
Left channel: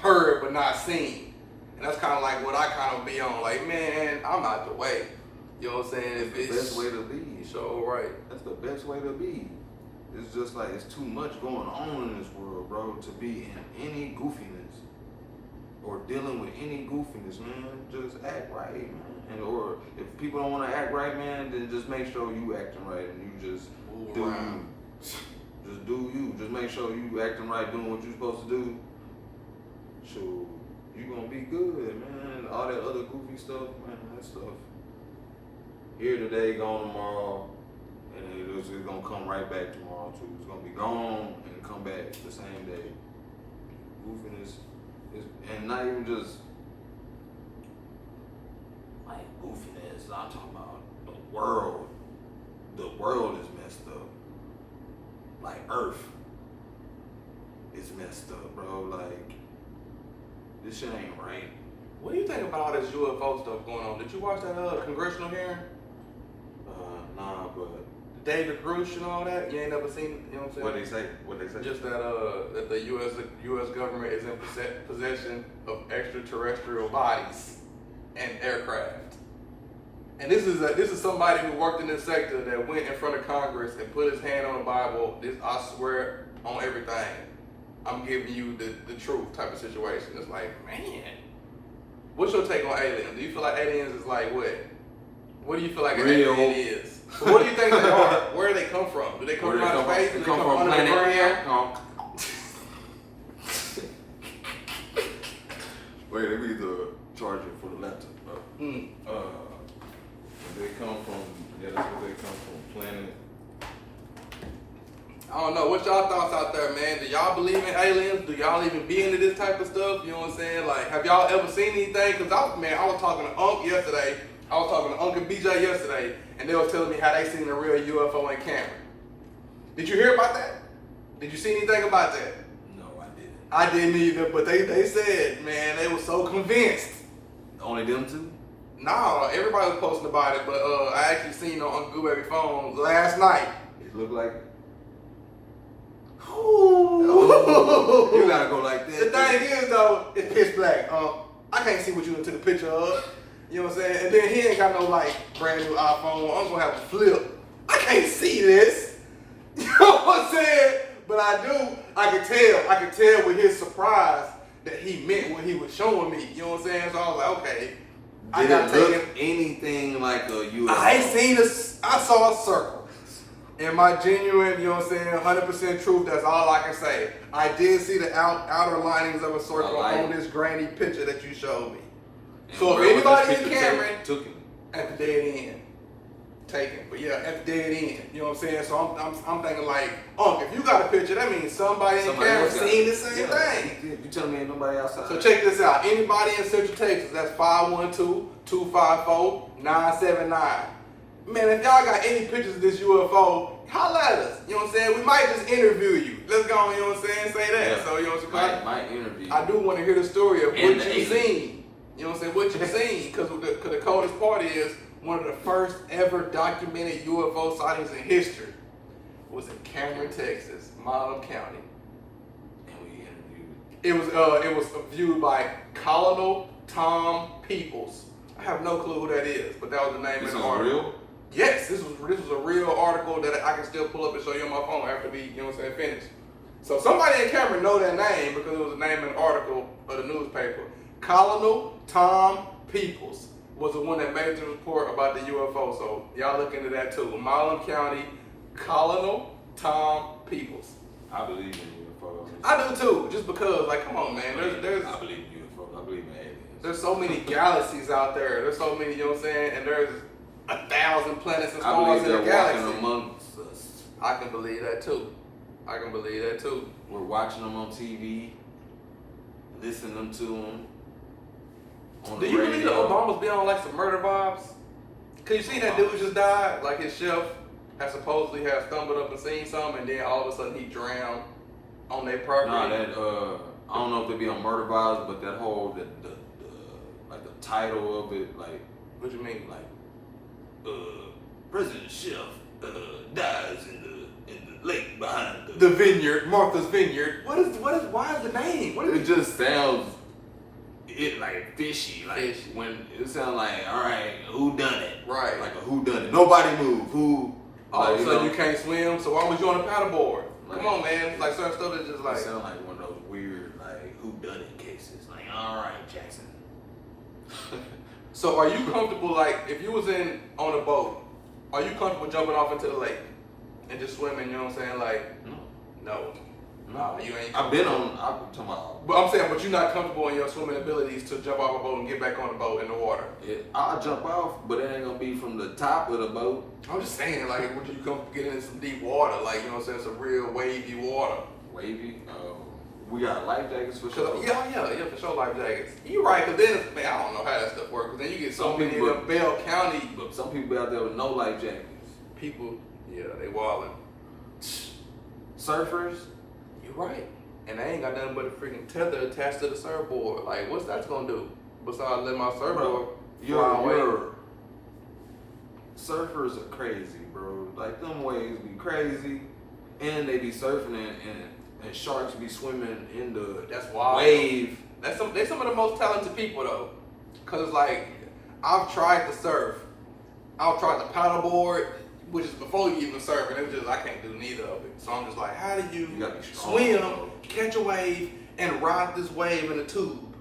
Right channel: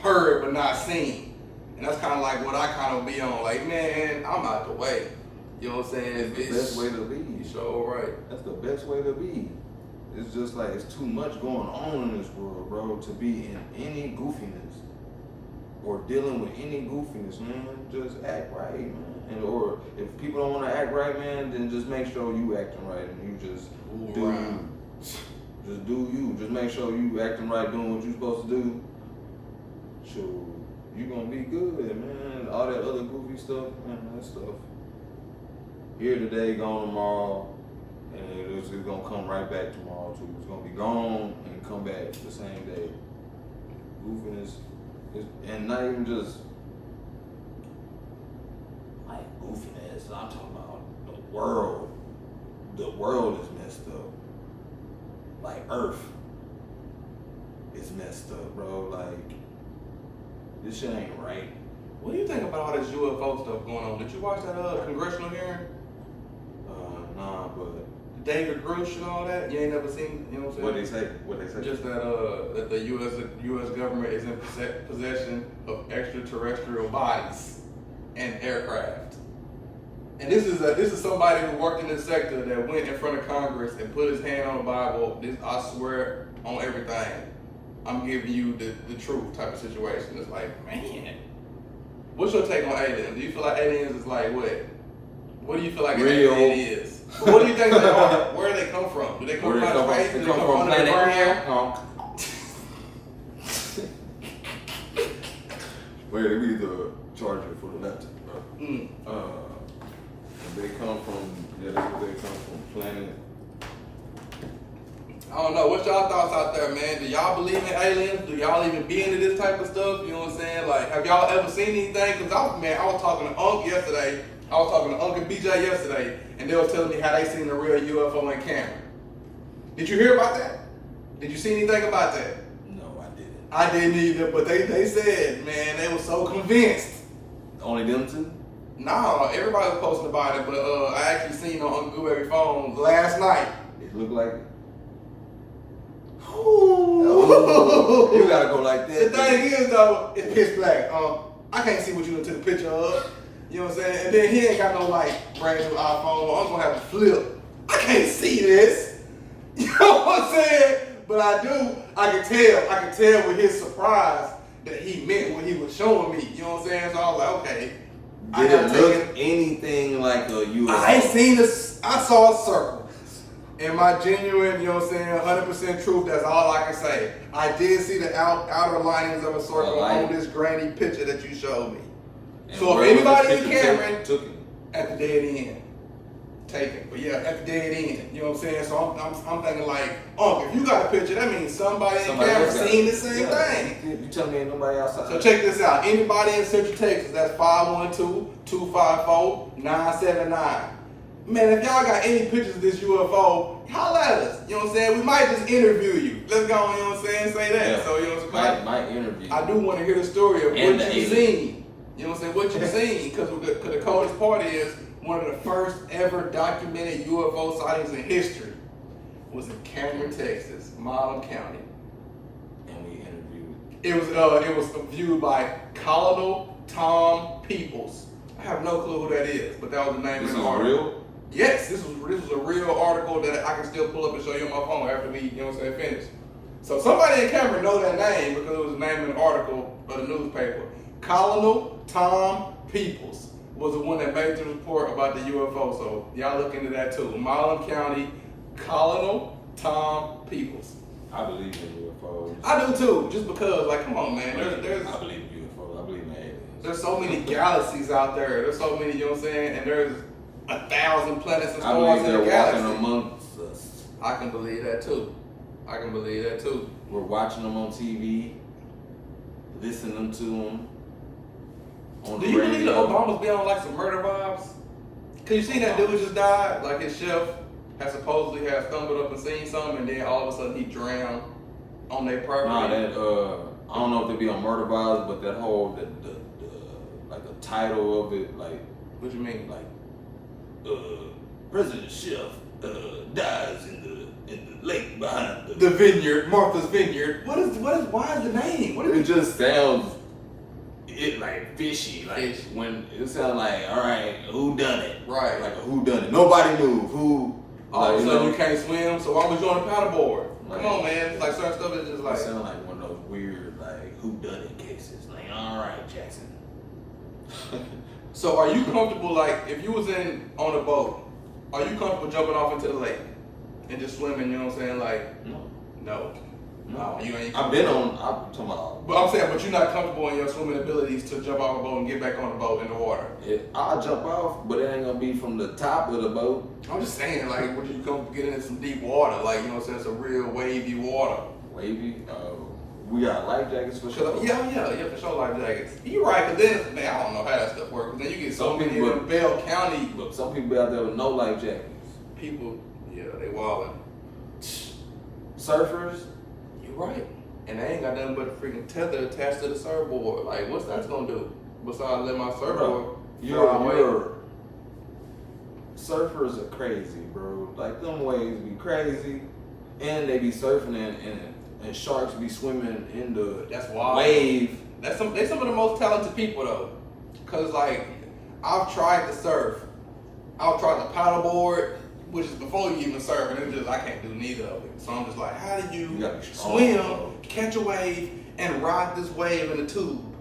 heard but not seen. And that's kind of like what I kind of be on. Like, man, I'm out the way. You know what I'm saying? It's the best way to be. So right. That's the best way to be. It's just like, it's too much going on in this world, bro, to be in any goofiness or dealing with any goofiness, man. Just act right, man. Or if people don't want to act right, man, then just make sure you acting right and you just do you. Just do you. Just make sure you acting right, doing what you're supposed to do. So you gonna be good, man. All that other goofy stuff, man, that stuff. Here today, gone tomorrow, and it's gonna come right back tomorrow too. It's gonna be gone and come back the same day. Goofiness, and not even just like goofiness. I'm talking about the world. The world is messed up. Like Earth is messed up, bro. Like, this shit ain't right. What do you think about all this UFO stuff going on? Did you watch that congressional hearing? Nah, but David Grush and all that? You ain't never seen, you know what I'm saying? What they say? Just that the U.S. government is in possession of extraterrestrial bodies and aircraft. And this is somebody who worked in this sector that went in front of Congress and put his hand on the Bible. This, I swear on everything, I'm giving you the truth type of situation. It's like, man, what's your take on aliens? Do you feel like aliens is like what? What do you feel like an alien is? What do you think they are? Where do they come from? Do they come from outer space? Do they come from under the ground? Wait, we need the charger for the laptop, bro. They come from, that's where they come from, Planez. I don't know. What's y'all thoughts out there, man? Do y'all believe in aliens? Do y'all even be into this type of stuff? You know what I'm saying? Like, have y'all ever seen anything? Because I was talking to Unc yesterday. I was talking to Unc and BJ yesterday, and they was telling me how they seen a real UFO in Cameron. Did you hear about that? Did you see anything about that? No, I didn't. I didn't either, but they said, man, they were so convinced. Only them two? No, everybody was posting about it, but I actually seen on Uncle Gooberry phone last night. It looked like it. Ooh. You gotta go like that. The thing is though, it's pitch black. I can't see what you took a picture of. You know what I'm saying? And then he ain't got no like brand new iPhone. I'm gonna have a flip. I can't see this. You know what I'm saying? But I can tell with his surprise that he meant what he was showing me. You know what I'm saying? So I was like, okay. Did it look anything like a UFO? I ain't seen I saw a circle. And my genuine, you know what I'm saying, 100% truth, that's all I can say. I did see the outer linings of a circle on this grainy picture that you showed me. And so if anybody in Cameron, took it at the dead end, take it. But yeah, at the dead end, you know what I'm saying? So I'm thinking like, if you got a picture, that means somebody in Cameron seen the same thing. You telling me ain't nobody outside? So check this out. Anybody in Central Texas, that's 512-254-979. Man, if y'all got any pictures of this UFO, holla at us. You know what I'm saying? We might just interview you. Let's go on, you know what I'm saying? Say that. Yeah. So, you know what I'm saying? Might interview. I do want to hear the story of And what you seen. You know what I'm saying? What you seen. Because the coldest part is one of the first ever documented UFO sightings in history. was in Cameron, Texas, Milam County. And we interviewed. It was viewed by Colonel Tom Peoples. I have no clue who that is, but that was the name This of the is article. real? Yes, this was a real article that I can still pull up and show you on my phone after we, you know what I'm saying, finish. So somebody in Cameron know that name because it was the name in the article of the newspaper. Colonel Tom Peoples was the one that made the report about the UFO. So y'all look into that too. Milam County, Colonel Tom Peoples. I believe in UFOs. I do too, just because, like, come on, man. There's I believe in UFOs. I believe in aliens. there's so many galaxies out there. There's so many, you know what I'm saying? And there's 1,000 planets and I stars believe in the they're walking galaxy. amongst us. I can believe that too. I can believe that too. We're watching them on TV, listening to them on Do the you radio. believe that Obama's been on like some murder vibes? Cause you see that dude just died, like his chef had supposedly had stumbled up and seen something, and then all of a sudden he drowned on their property. Nah, that I don't know if they be on murder vibes, but that whole the like the title of it, like What you mean? President Chef dies in the lake behind The vineyard, Martha's Vineyard. Why is the name? What is It just sounds like fishy, like Fishy. when it sounds like, all right, who done it? Right. Like a who done it. Nobody knew who. All of a like, sudden you can't swim, so why was you on the paddleboard? Come Right. on, man. It's like certain stuff is just It like. sound like one of those weird, like who done it cases. Like, all right, Jackson. So are you comfortable, like, if you was on a boat, are you comfortable jumping off into the lake and just swimming? You know what I'm saying? Like, No. no. No, you ain't. I've been on. I'm talking about. But I'm saying, but you're not comfortable in your swimming abilities to jump off a boat and get back on the boat in the water. I'll jump off, but it ain't gonna be from the top of the boat. I'm just saying, like, would you comfortable getting in some deep water, like, you know what I'm saying, some real wavy water? Wavy. We got life jackets for sure. Yeah, for sure, life jackets. You're right, but then, man, I don't know how that stuff works. But then you get so Some many people- of them Bell County But some people out there with no life jackets. people, yeah, they wildin'. Surfers. You're right. And they ain't got nothing but a freaking tether attached to the surfboard. Like, what's that gonna do? Besides let my surfboard fly away. Your surfers are crazy, bro. Like them waves be crazy, and they be surfing and sharks be swimming in the That's wild. wave. They some of the most talented people though. Cause like, I've tried to surf. I've tried to paddleboard, which is before you even surf, and it was just, I can't do neither of it. So I'm just like, how do You gotta be strong, swim, bro. catch a wave, and ride this wave in a tube?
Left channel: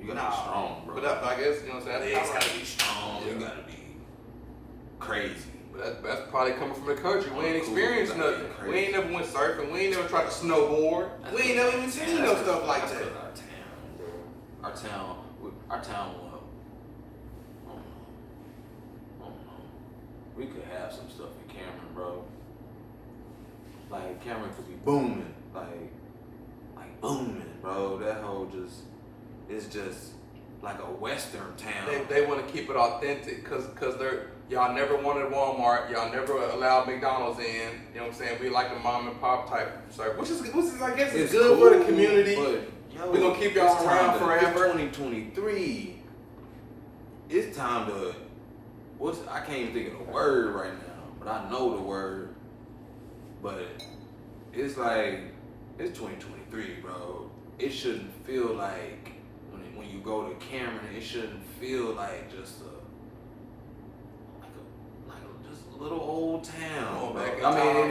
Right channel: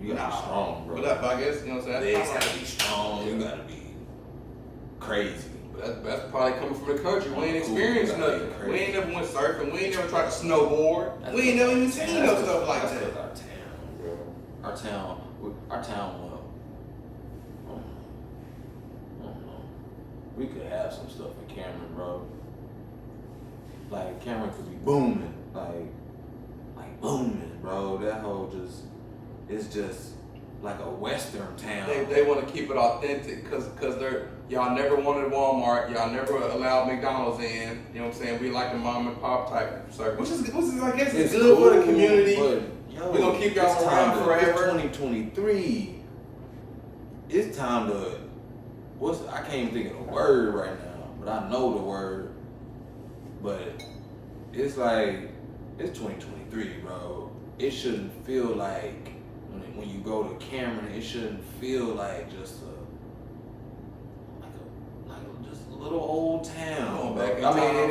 You gotta be strong, bro. But I guess, you know what I'm saying? Legs That's gotta kinda be strong. You gotta be crazy. But that's probably coming from the country. We ain't Cool. experienced Gotta be nothing. crazy. We ain't never went surfing. We ain't never tried to snowboard. We ain't never even seen no stuff like That's that. 'cause our town, bro. Our town, well, I don't know. We could have some stuff in Cameron, bro. Like Cameron could be booming, like booming, bro. That whole it's just like a western town. They want to keep it authentic because y'all never wanted Walmart. Y'all never allowed McDonald's in. You know what I'm saying? We like the mom and pop type service, which is I guess it's good for the community. But, yo, We gonna keep y'all it's around time to- forever. It's 2023. It's time to. I can't even think of the word right now, but I know the word. But it's like it's 2023, bro. It shouldn't feel like when you go to Cameron, it shouldn't feel like just just a little old town. Going bro. back in I mean, time. it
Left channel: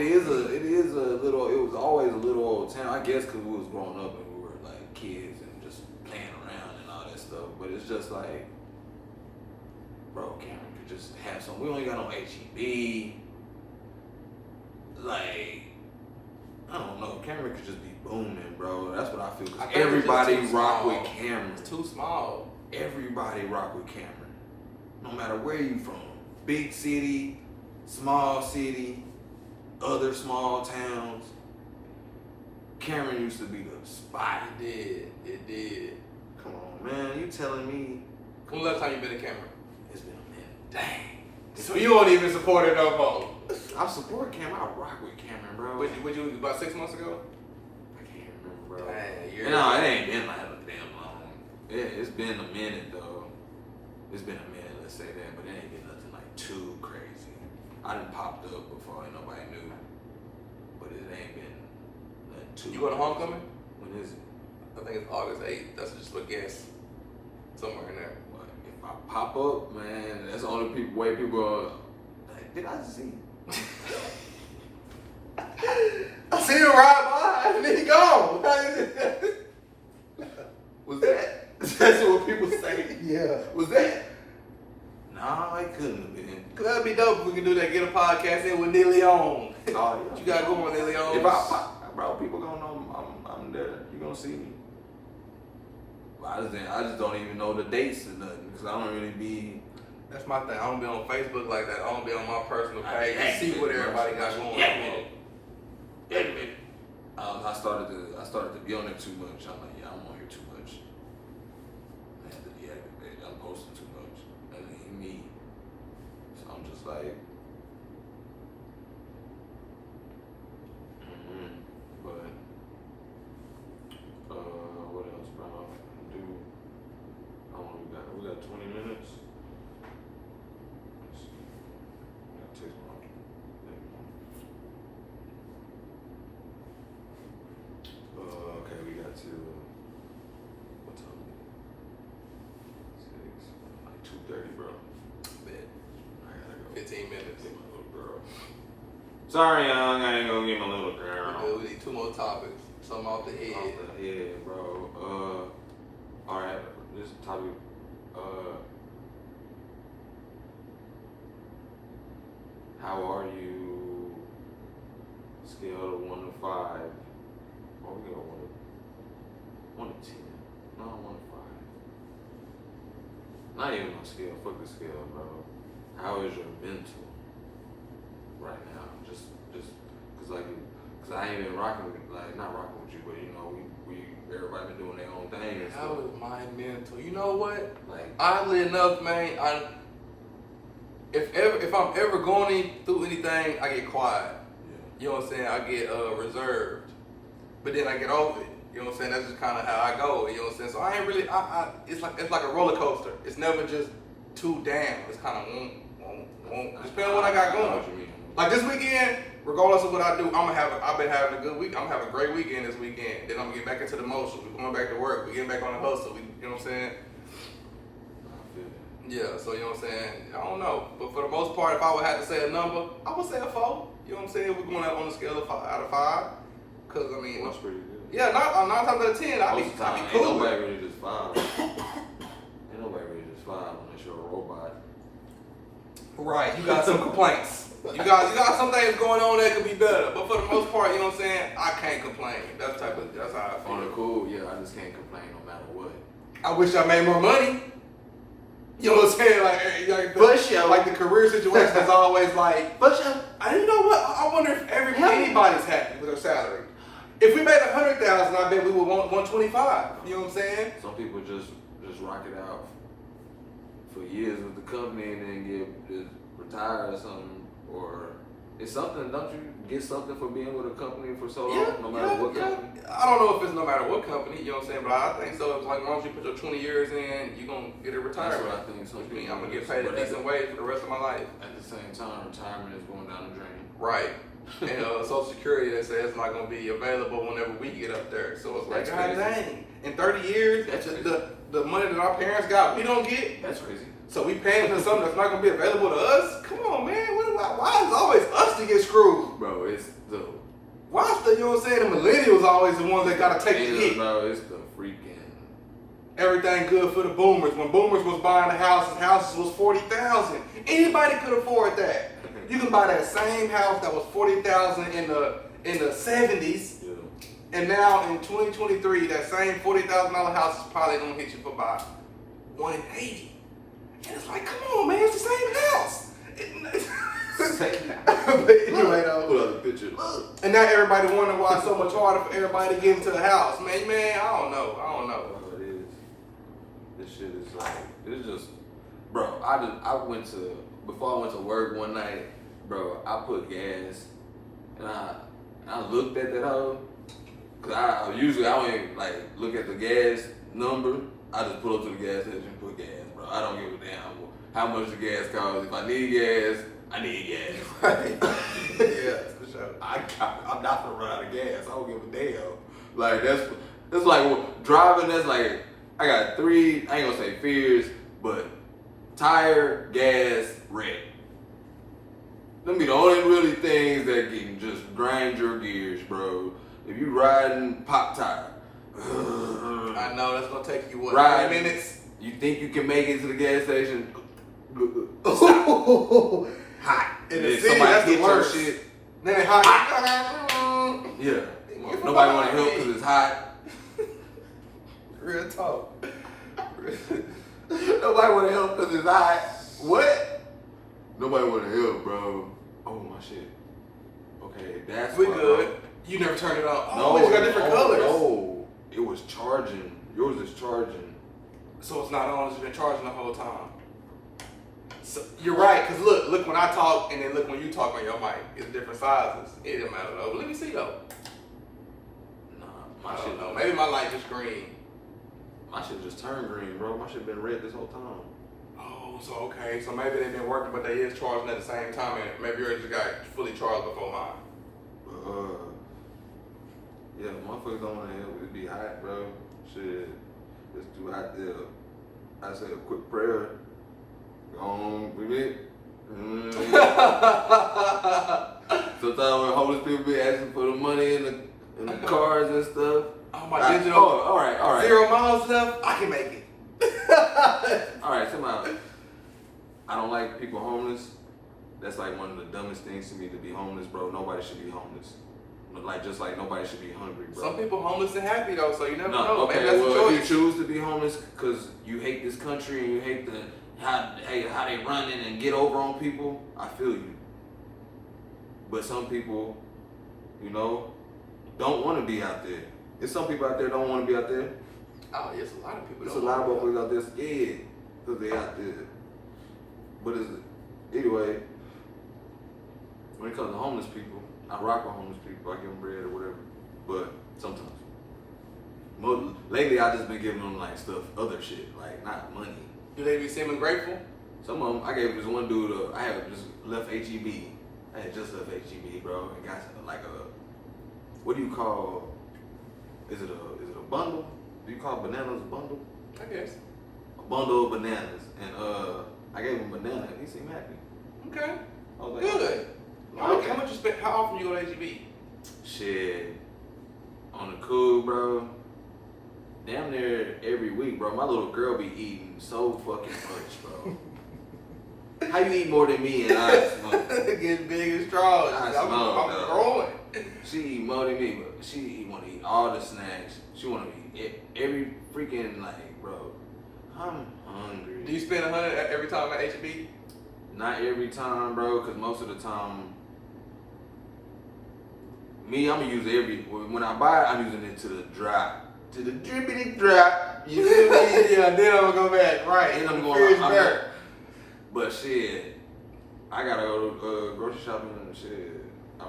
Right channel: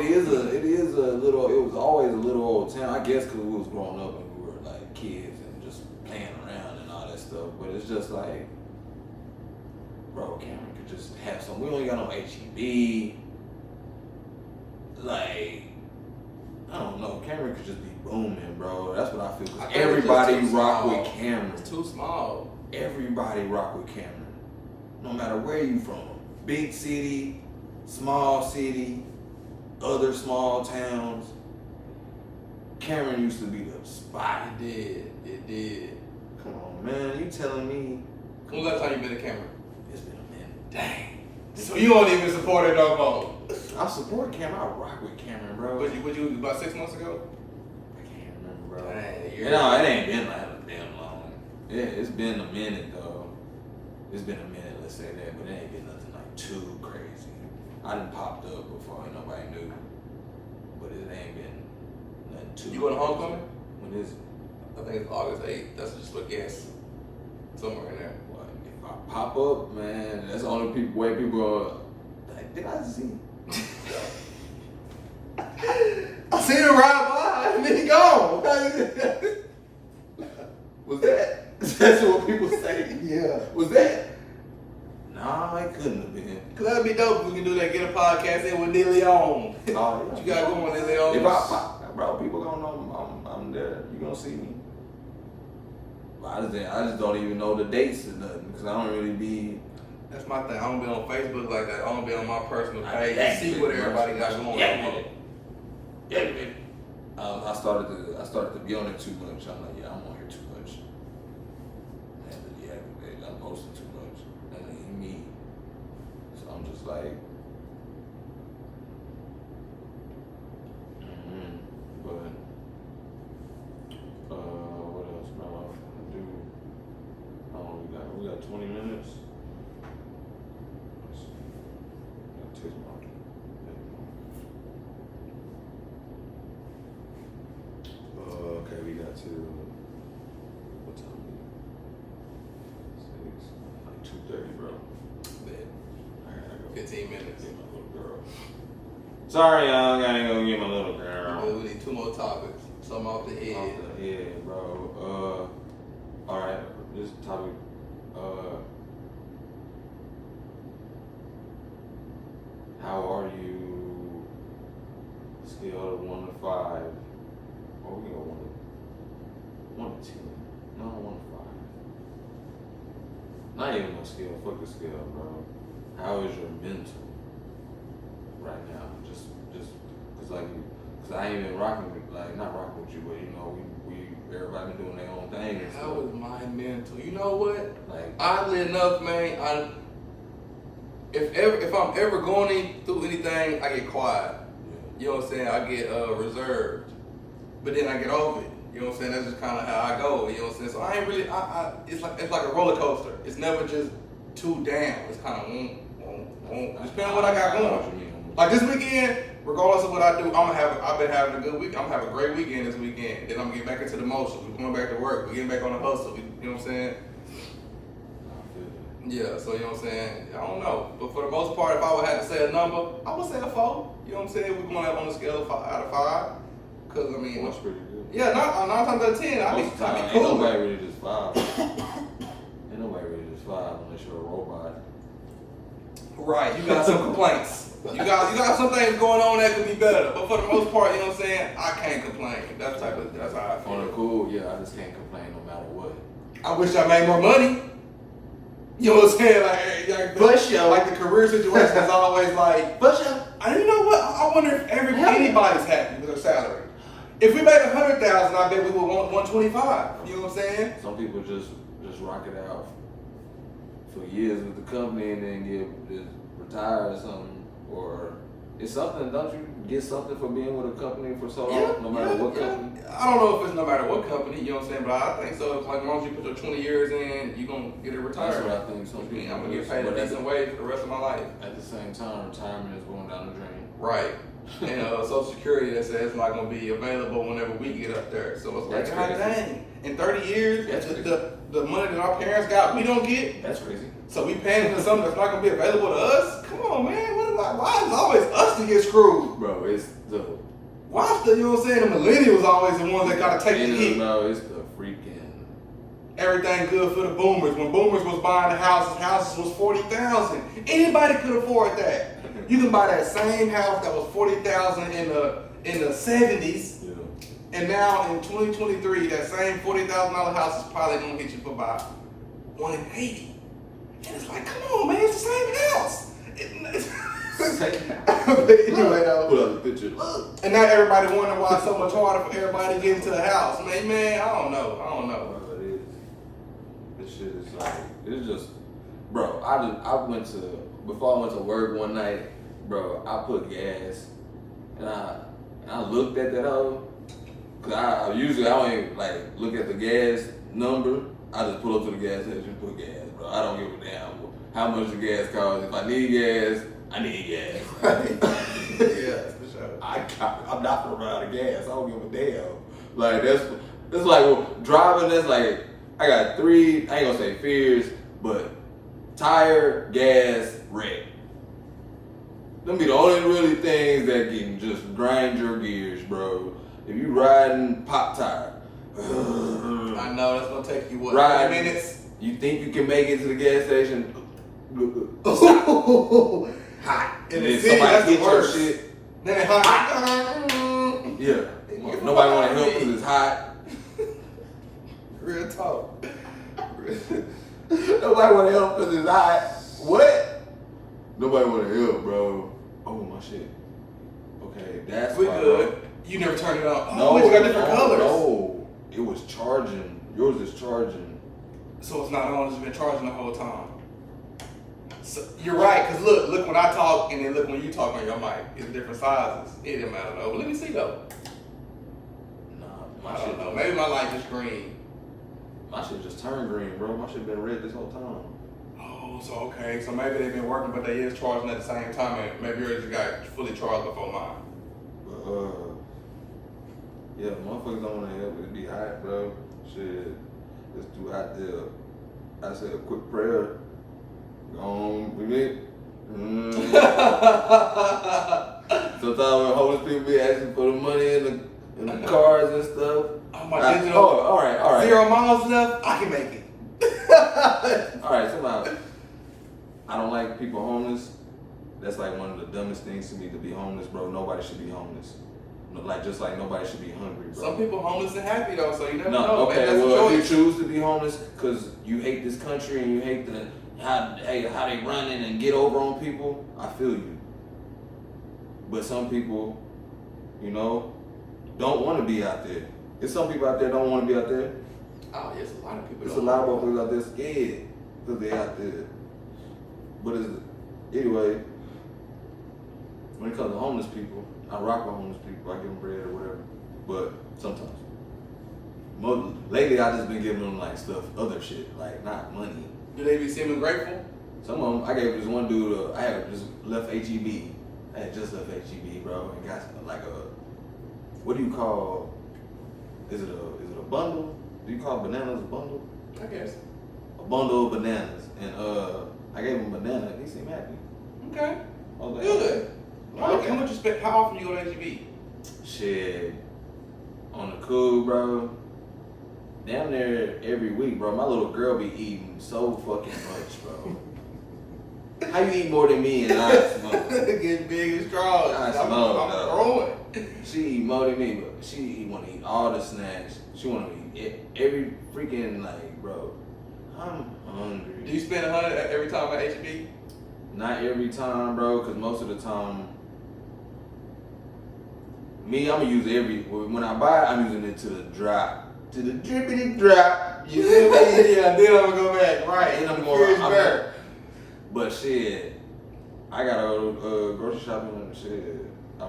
is a little. It was always a little old town. I guess because we was growing up and we were like kids and just playing around and all that stuff. But it's just like, bro, Cameron could just have some. We only got no HEB. Like, I don't know. Cameron could just be booming, bro. That's what I feel. Cause I think it's everybody just too rock small. with Cameron. It's too small. Everybody rock with Cameron. No matter where you from. Big city, small city, other small towns. Cameron used to be the spot. It did. Come on, man. You telling me When the last time you been to Cameron? it's been a minute. Dang. So you don't even support it no more. I support Cameron. I rock with Cameron, bro. Would you about 6 months ago? I can't remember, bro. Dang, No, it ain't been like damn long. It's been a minute though. It's been a minute, let's say that, but it ain't been nothing like too crazy. I done popped up before and nobody knew. but it ain't been nothing too. You going to homecoming? When is it? I think it's August 8th. That's just a guess. Somewhere in there. Well, if I pop up, man, that's the only way people are like, did I see? I seen him ride by and then he gone. Was that? That's what people say. Yeah. Was that? Nah, it couldn't have been. Cause that'd be dope if we can do that. Get a podcast in with Neely on. Oh, yeah. What you got going, Neely on? If I pop, bro, people gonna know I'm there. You gonna see me. But I just don't even know the dates or nothing because I don't really be. That's my thing. I don't be on Facebook like that. I don't be on my personal page. I See what everybody got going on. I started to be on it too much. I'm like, yeah, I'm on here too much. I have to deactivate. I'm posting too much. That ain't me. So I'm just like, but what else, bro? I'm gonna do. Oh, we got 20 minutes. Let's see. Gotta taste my. Okay, we got to what time? 6, like 2:30, bro. Bet. I gotta go 15 minutes. get my little girl. Sorry, young, I ain't gonna get my little girl. We need 2 more topics. Something off the head. Yeah, bro. All right. This topic. How are you? Scale of 1 to 5. Oh, we got 1 to 10. No, 1 to 5. Not even on scale. Fuck the scale, bro. How is your mental right now? Just cause I ain't been rocking with, like, not rocking with you, but you know, we everybody been doing their own thing and How stuff. is my mental? You know what? Like, Oddly enough, man, if I'm ever going through anything, I get quiet. You know what I'm saying? I get reserved, but then I get over it. You know what I'm saying? That's just kind of how I go. You know what I'm saying? So I ain't really. It's like a roller coaster. It's never just too down. It's kind of depending on what I got going. Like this weekend, regardless of what I do, I've been having a good week. I'm gonna have a great weekend this weekend. Then I'm gonna get back into the motions. We're going back to work. We're getting back on the hustle. You know what I'm saying? Yeah, so you know what I'm saying? I don't know. But for the most part, if I would have to say a number, I would say a 4. You know what I'm saying? We're going out on a scale of 5 out of 5. Because, I mean, that's pretty good. Yeah, 9 times out of 10, I'll be cool. Ain't nobody really just 5. Ain't nobody really just 5 unless you're a robot. Right, you got some complaints. You got some things going on that could be better. But for the most part, you know what I'm saying? I can't complain. That's how I feel. On the cool, yeah, I just can't complain no matter what. I wish I made more money. You know what I'm saying? Like the career situation is always like, and you know what? I wonder if anybody's happy with their salary. If we made 100,000, I bet we would want 125. You know what I'm saying? Some people just rock it out for years with the company and then just retire or something. Or it's something, don't you get something for being with a company for so long, no matter what company? I don't know if it's no matter what company, you know what I'm saying, but I think so. It's like as long as you put your 20 years in, you're going to get it retired. That's what I think. Some people I'm going to get paid a decent wage for the rest of my life. At the same time, retirement is going down the drain. Right. And Social Security that says it's not going to be available whenever we get up there. So it's like, God dang, in 30 years, the money that our parents got, we don't get. That's crazy. So we paying for something that's not going to be available to us? Come on, man. Why is it always us to get screwed? Bro, it's the... Why is the, you know what I'm saying, the millennials always the ones that got to take the hit? No, it's the freaking... Everything good for the boomers. When boomers was buying the houses was $40,000. Anybody could afford that. You can buy that same house that was $40,000 in the 70s. Yeah. And now in 2023, that same $40,000 house is probably going to hit you for about $180,000. And it's like, come on, man, it's the same house. Anyway, though. Put up the picture. And now everybody wondering why it's so much harder for everybody to get into the house. Man, I don't know. It is. This shit is like, it's just, bro, before I went to work one night, bro, I put gas, and I looked at that hoe, cause I usually don't even like look at the gas number. I just pull up to the gas station and put gas, bro. I don't give a damn how much the gas costs. If I need gas, I need gas. Right. Yeah, for sure. I'm not gonna run out of gas. I don't give a damn. Like it's like well, driving. That's like I got 3. I ain't gonna say fears, but tire, gas, wreck. Them be the only really things that can just grind your gears, bro. If you riding pop tire. I know that's gonna take you what? Right. 3 minutes. You think you can make it to the gas station? Hot. In And the then city, somebody that's the hit your worst. shit. Then it hot. Yeah. Nobody want to help because it's hot. Real talk. Nobody want to help because it's hot. What? Nobody want to help, bro. Oh my shit. Okay, that's We why, good. bro. You never turned it on. No, Oh, we got different colors. No, it was charging. Yours is charging. So it's not on. It's been charging the whole time. So you're right. Cause look when I talk and then look when you talk on your mic. It's different sizes. It didn't matter though. But let me see though. Nah, I my don't shit. know. Maybe my light is green. My shit just turned green, bro. My shit been red this whole time. Oh, so okay. So maybe they've been working, but they is charging at the same time, and maybe yours just got fully charged before mine. But yeah, motherfuckers don't want to help. It be hot, bro. Shit, it's too hot there. I said a quick prayer. Go on with it. Sometimes when homeless people be asking for the money in the cars and stuff. Oh, my digital. Oh, all right. 0 miles left. I can make it. All right, somehow. I don't like people homeless. That's like one of the dumbest things to me to be homeless, bro. Nobody should be homeless. Just like nobody should be hungry, bro. Some people homeless and happy though, so you never know. Okay, Maybe that's well, a if choice. you choose to be homeless because you hate this country and you hate how they running and get over on people, I feel you. But some people, don't want to be out there. There's some people out there don't want to be out there. Oh, yes, a lot of people. There's a lot of motherfuckers out there scared because they out there. But anyway, when it comes to homeless people, I rock with homeless people. I give them bread or whatever. But sometimes. Lately, I just been giving them like other shit, like not money. Do they be seeming grateful? Some of them, I gave this one dude, I had just left HEB. I had just left HEB, bro, and got like what do you call, is it a bundle? Do you call bananas a bundle? I guess. A bundle of bananas. And I gave him a banana, he seemed happy. Okay. I was like, Good. Okay. How much you spend? How often you go to HEB? Shit. On the cool, bro. Damn near every week, bro. My little girl be eating so fucking much, bro. How you eat more than me and I smoke? Getting big and strong. I I'm smoke, though. growing. She eat more than me, but she want to eat all the snacks. She want to eat every freaking, like, bro. I'm hungry. Do you spend $100 every time at HEB? Not every time, bro, because most of the time, me, I'm going to use when I buy it, I'm using it to the drop. To the drippity drop. You feel me? Yeah, then I'm gonna go back. Right. And I'm going to. But shit, I got to go grocery shopping and shit. I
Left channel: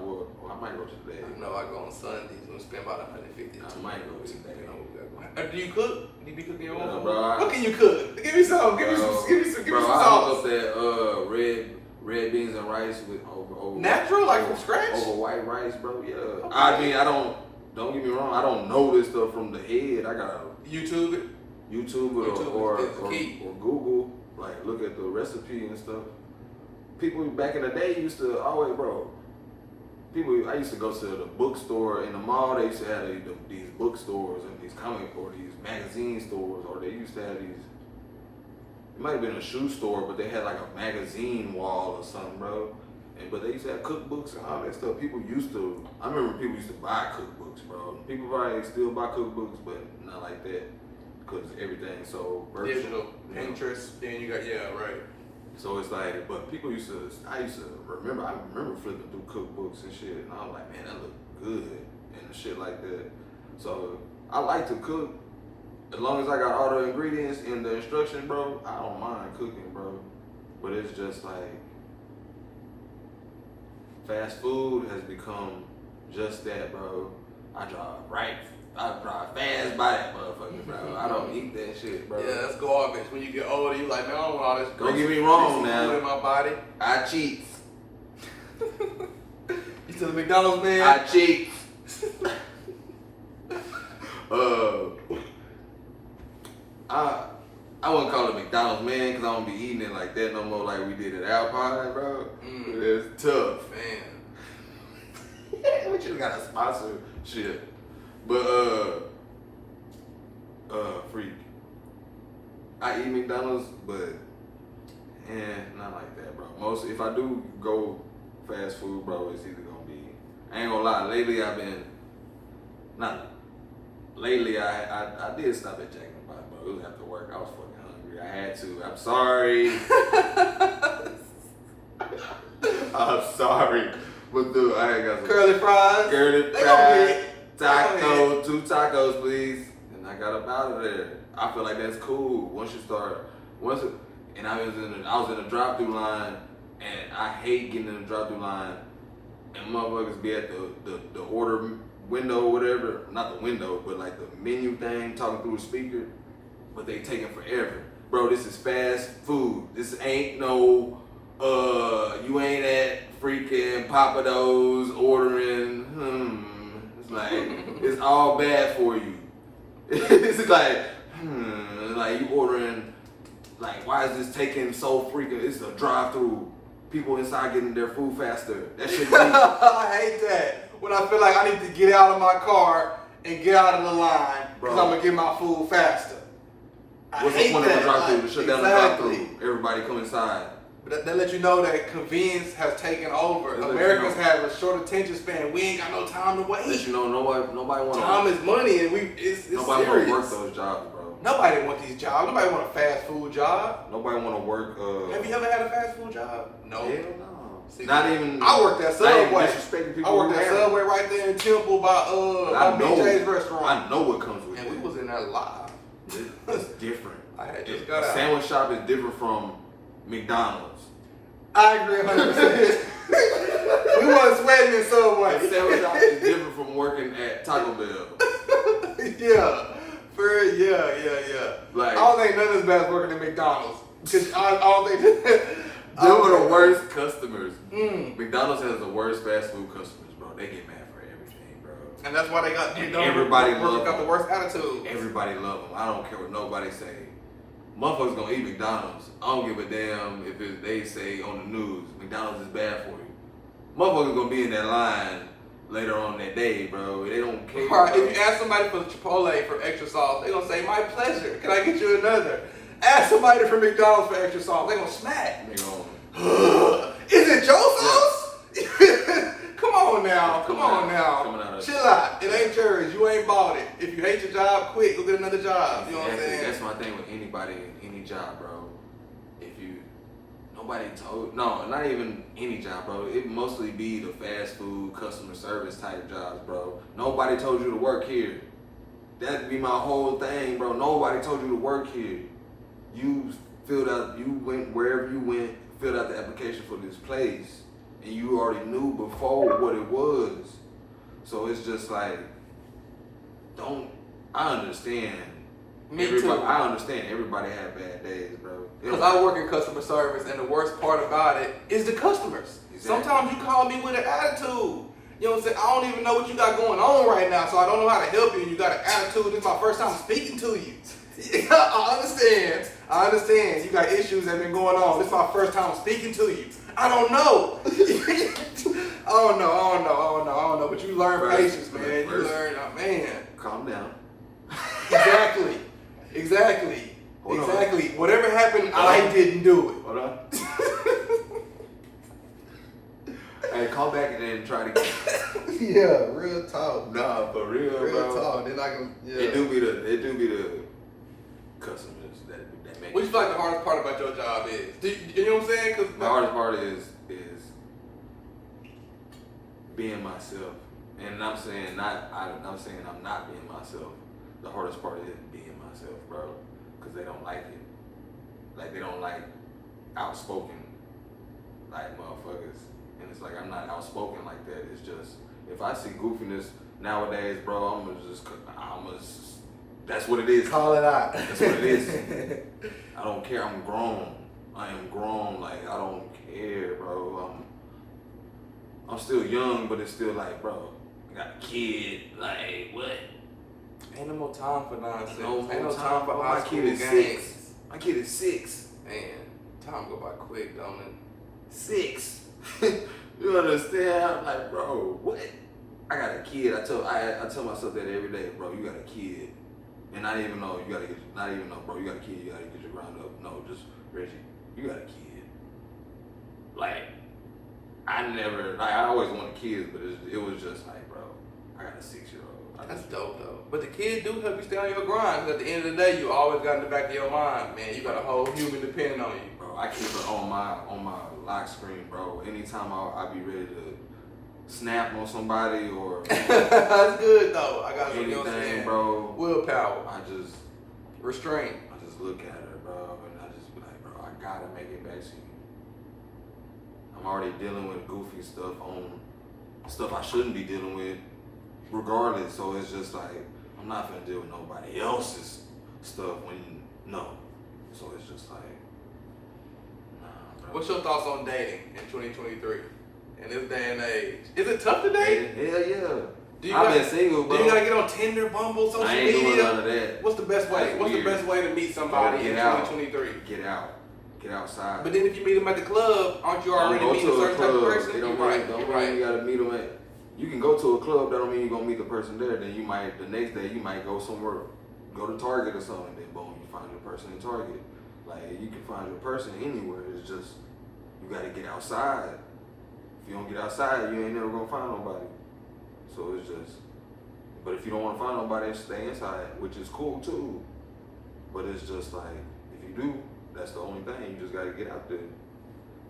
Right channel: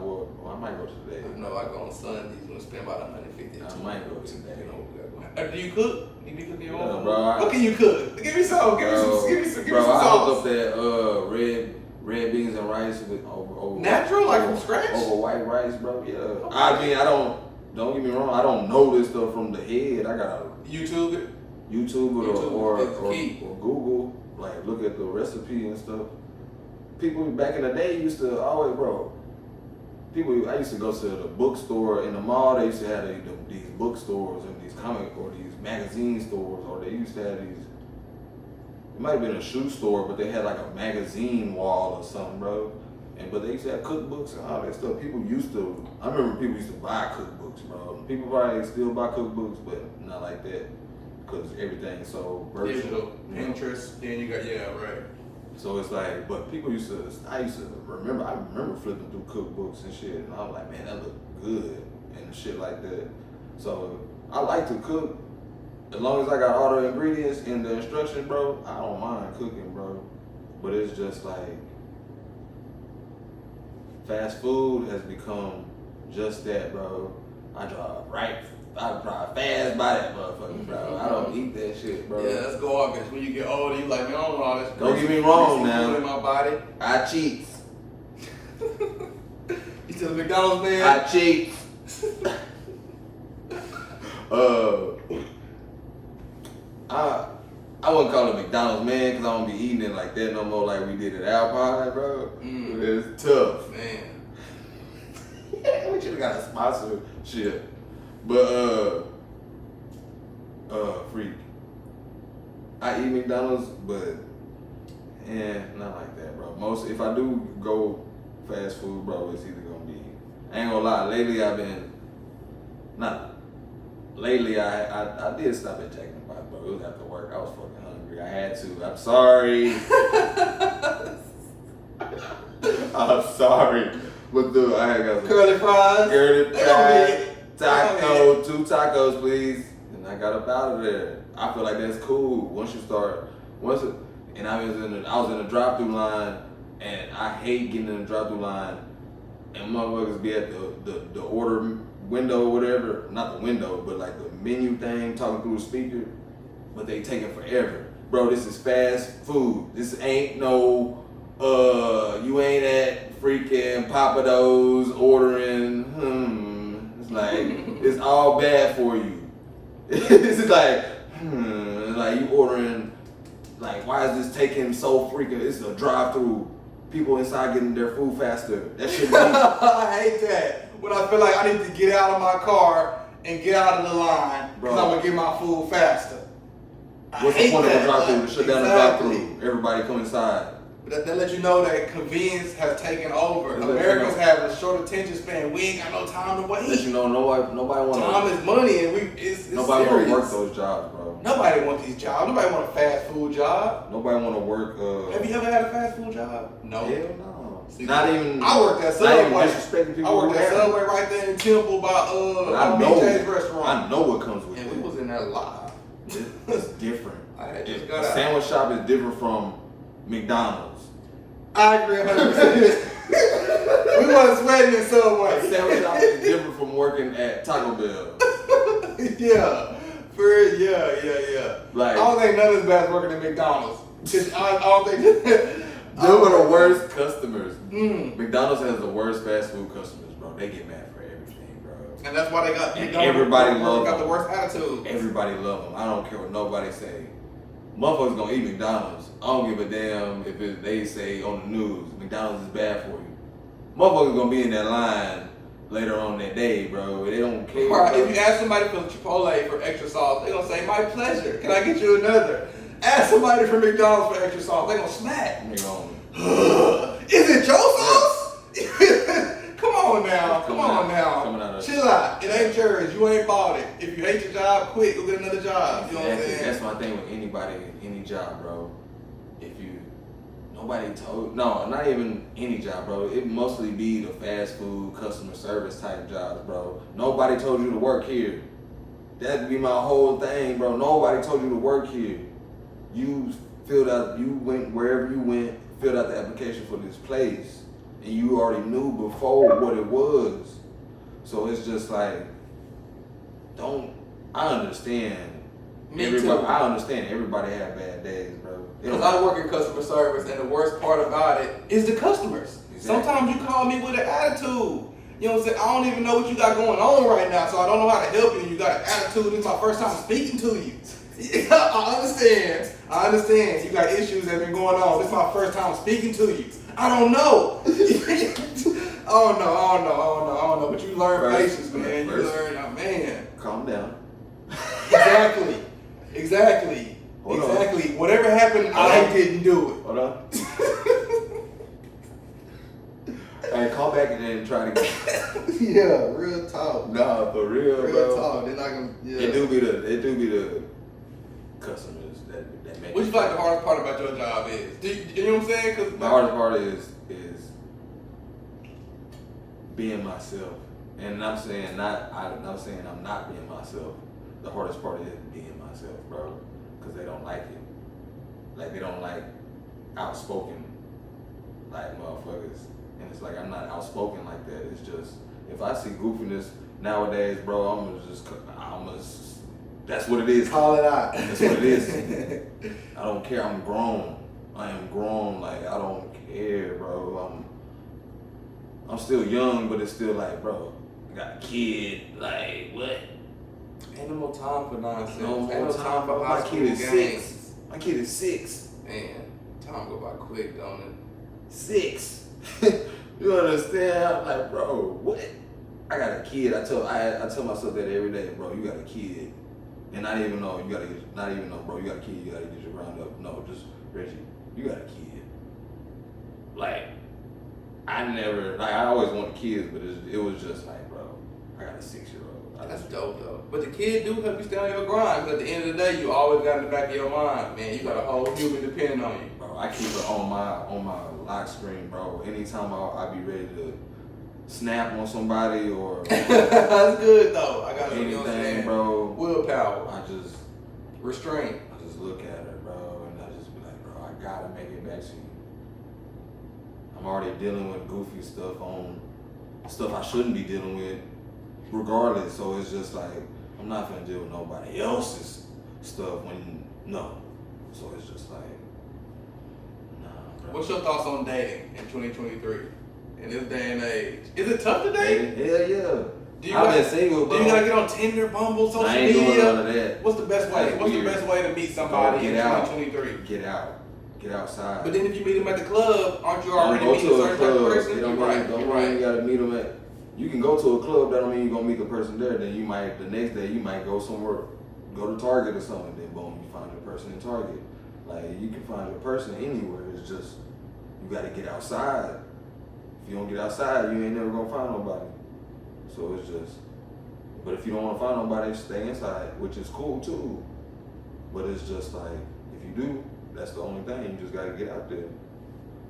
might go today. I know I go on Sundays. We'll spend about $150. I might go today. Do you cook? Do you be cooking your own food? Bro, What can you cook? Give me some. Give me some Bro, I sauce. hooked up that red beans and rice with over Natural, like from scratch? over white rice, bro. Yeah. Okay. I mean, don't get me wrong. I don't know this stuff from the head. I gotta YouTube it. YouTube it or is the key. Google, like look at the recipe and stuff. People back in the day used to always, bro. I used to go to the bookstore in the mall. They used to have these bookstores and these comic or these magazine stores, or they used to have these. It might have been a shoe store, but they had like a magazine wall or something, bro. But they used to have cookbooks and all that stuff. I remember people used to buy cookbooks, bro. People probably still buy cookbooks, but not like that, because everything's so virtual. Digital. Pinterest. Then you got, right. So it's like, but I used to remember flipping through cookbooks and shit, and I was like, man, that look good, and shit like that. So I like to cook, as long as I got all the ingredients and the instructions, bro, I don't mind cooking, bro. But it's just like, fast food has become just that, bro. I drive fast by that motherfucker, bro. I don't eat that shit, bro. Yeah, that's garbage. When you get older, you like, man, I don't want all this. Don't get me wrong now. In my body. I cheat. You still a McDonald's man? Hot cheeks. I wouldn't call it McDonald's, man, because I don't be eating it like that no more, like we did at Alpine, bro. It's tough. Man. We should have got a sponsorship. But, freak. I eat McDonald's, but, not like that, bro. Most, if I do go fast food, bro, it's either gonna be, I ain't gonna lie, lately I did stop at Jack in the Box, bro. It was after work. I was fucking hungry. I had to. I'm sorry. I'm sorry. But dude, I had got some curly fries. Curly fries. Taco, 2 tacos, please. And I got up out of there. I feel like that's cool. And I was in the drive-through line, and I hate getting in the drive-through line, and motherfuckers be at the order window or whatever, not the window, but like the menu thing, talking through the speaker, but they take it forever. Bro, this is fast food. This ain't no, you ain't at freaking Papados ordering, it's like, it's all bad for you. It's like, like you ordering, like, why is this taking so freaking, it's a drive-through. People inside getting their food faster. That shit be I hate that. When I feel like I need to get out of my car and get out of the line because I'm gonna get my food faster. What's the point of the drive-through? To shut down the drive-through. Everybody come inside. That let you know that convenience has taken over. Americans have a short attention span. We ain't got no time to wait. Let you know nobody want time is money, and it's nobody serious. want to work those jobs, bro. Nobody want these jobs. Nobody want a fast food job. Nobody want to work. Have you ever had a fast food job? No. Hell no. See, not even. I worked at Subway. Disrespecting people. I worked at Subway right there in Temple by BJ's restaurant. I know what comes with it. And we was in there live. It's different. I had just A got out. sandwich shop is different from McDonald's. I agree 100%. We wasn't sweating in Subway. A sandwich shop is different from working at Taco Bell. Yeah. Yeah. Like, I don't think none of this bad working at McDonald's. I don't think they were the worst customers. McDonald's has the worst fast food customers, bro. They get mad for everything, bro. And that's why they got everybody love got them. the worst attitude. Everybody love them. I don't care what nobody say. Motherfuckers gonna eat McDonald's. I don't give a damn if they say on the news McDonald's is bad for you. Motherfuckers gonna be in that line later on that day, bro. They don't care. Right. If you ask somebody for Chipotle for extra sauce, they gonna say, "My pleasure. Can I get you another?" Ask somebody for McDonald's for extra sauce, they gonna smack. They gonna, is it your sauce? Come on now. Coming out of Chill out. It ain't yours. You ain't bought it. If you hate your job, quit. Go get another job. You know what I'm saying? That's my thing with anybody in any job, bro. Not even any job, bro. It mostly be the fast food, customer service type jobs, bro. Nobody told you to work here. That'd be my whole thing, bro. Nobody told you to work here. You went wherever you went, filled out the application for this place, and you already knew before what it was. So it's just like, I understand. I understand everybody have bad days, bro. Because I work in customer service, and the worst part about it is the customers. Exactly. Sometimes you call me with an attitude. You know what I'm saying? I don't even know what you got going on right now, so I don't know how to help you. You got an attitude. This is my first time speaking to you. I understand. You got issues that have been going on. This is my first time speaking to you. I don't know. I don't know. But you learn patience, man. You learn, man. Calm down. Exactly. Hold on. Whatever happened, I didn't do it. Hold on. Hey, call back and then try to get. Yeah, real talk. Nah, for real, bro. Real talk. Then I can. Yeah. It do be the customers that make. What you feel like the hardest part about your job is? You know what I'm saying? Cause the hardest part is being myself, and I'm saying I'm not being myself. The hardest part is being myself, bro, because they don't like it. Like, they don't like outspoken, like, motherfuckers. And it's like, I'm not outspoken like that. It's just, if I see goofiness nowadays, bro, I'm just that's what it is. Call it out. That's what it is. I don't care. I'm grown. I am grown. Like, I don't care, bro. I'm still young, but it's still like, bro, I got a kid. Like, what? Ain't no more time for nonsense. No Ain't no time for high my school kid is games. 6. My kid is 6. Man, time go by quick, don't it? 6. You understand? Like, bro, what? I got a kid. I tell myself that every day, bro. You got a kid, and not even know, bro. You got a kid. You gotta get your grind up. No, just Reggie. You got a kid. Like, I always wanted kids, but it was just like, bro, I got a 6-year-old. That's dope though. But the kid do help you stay on your grind. 'Cause at the end of the day, you always got in the back of your mind, man. You got a whole human depending on you. Bro, I keep her on my lock screen, bro. Anytime I be ready to snap on somebody or That's good though. I got anything, bro. Willpower, I just restraint. look at her, bro, and I just be like, bro, I gotta make it back to you. I'm already dealing with goofy stuff I shouldn't be dealing with, regardless. So it's just like, I'm not gonna deal with nobody else's stuff So it's just like, nah, bro. What's your thoughts on dating in 2023? In this day and age, is it tough to date? Hell yeah. I've been single, bro. Do you gotta get on Tinder, Bumble, social I ain't media? doing none of that. What's the best way? That's What's weird. the best way to meet somebody in 2023? Get out. Get outside. But then if you meet them at the club, aren't you already Don't meeting go a to a certain type of club. person? You're right. Don't You're mean you right. gotta meet them at. You can go to a club. That don't mean you're gonna meet the person there. Then you might the next day you might go somewhere, go to Target or something. Then boom, you find your person in Target. Like you can find your person anywhere. It's just you gotta get outside. If you don't get outside, you ain't never gonna find nobody. So it's just. But if you don't want to find nobody, stay inside, which is cool too. But it's just like if you do, that's the only thing. You just gotta get out there.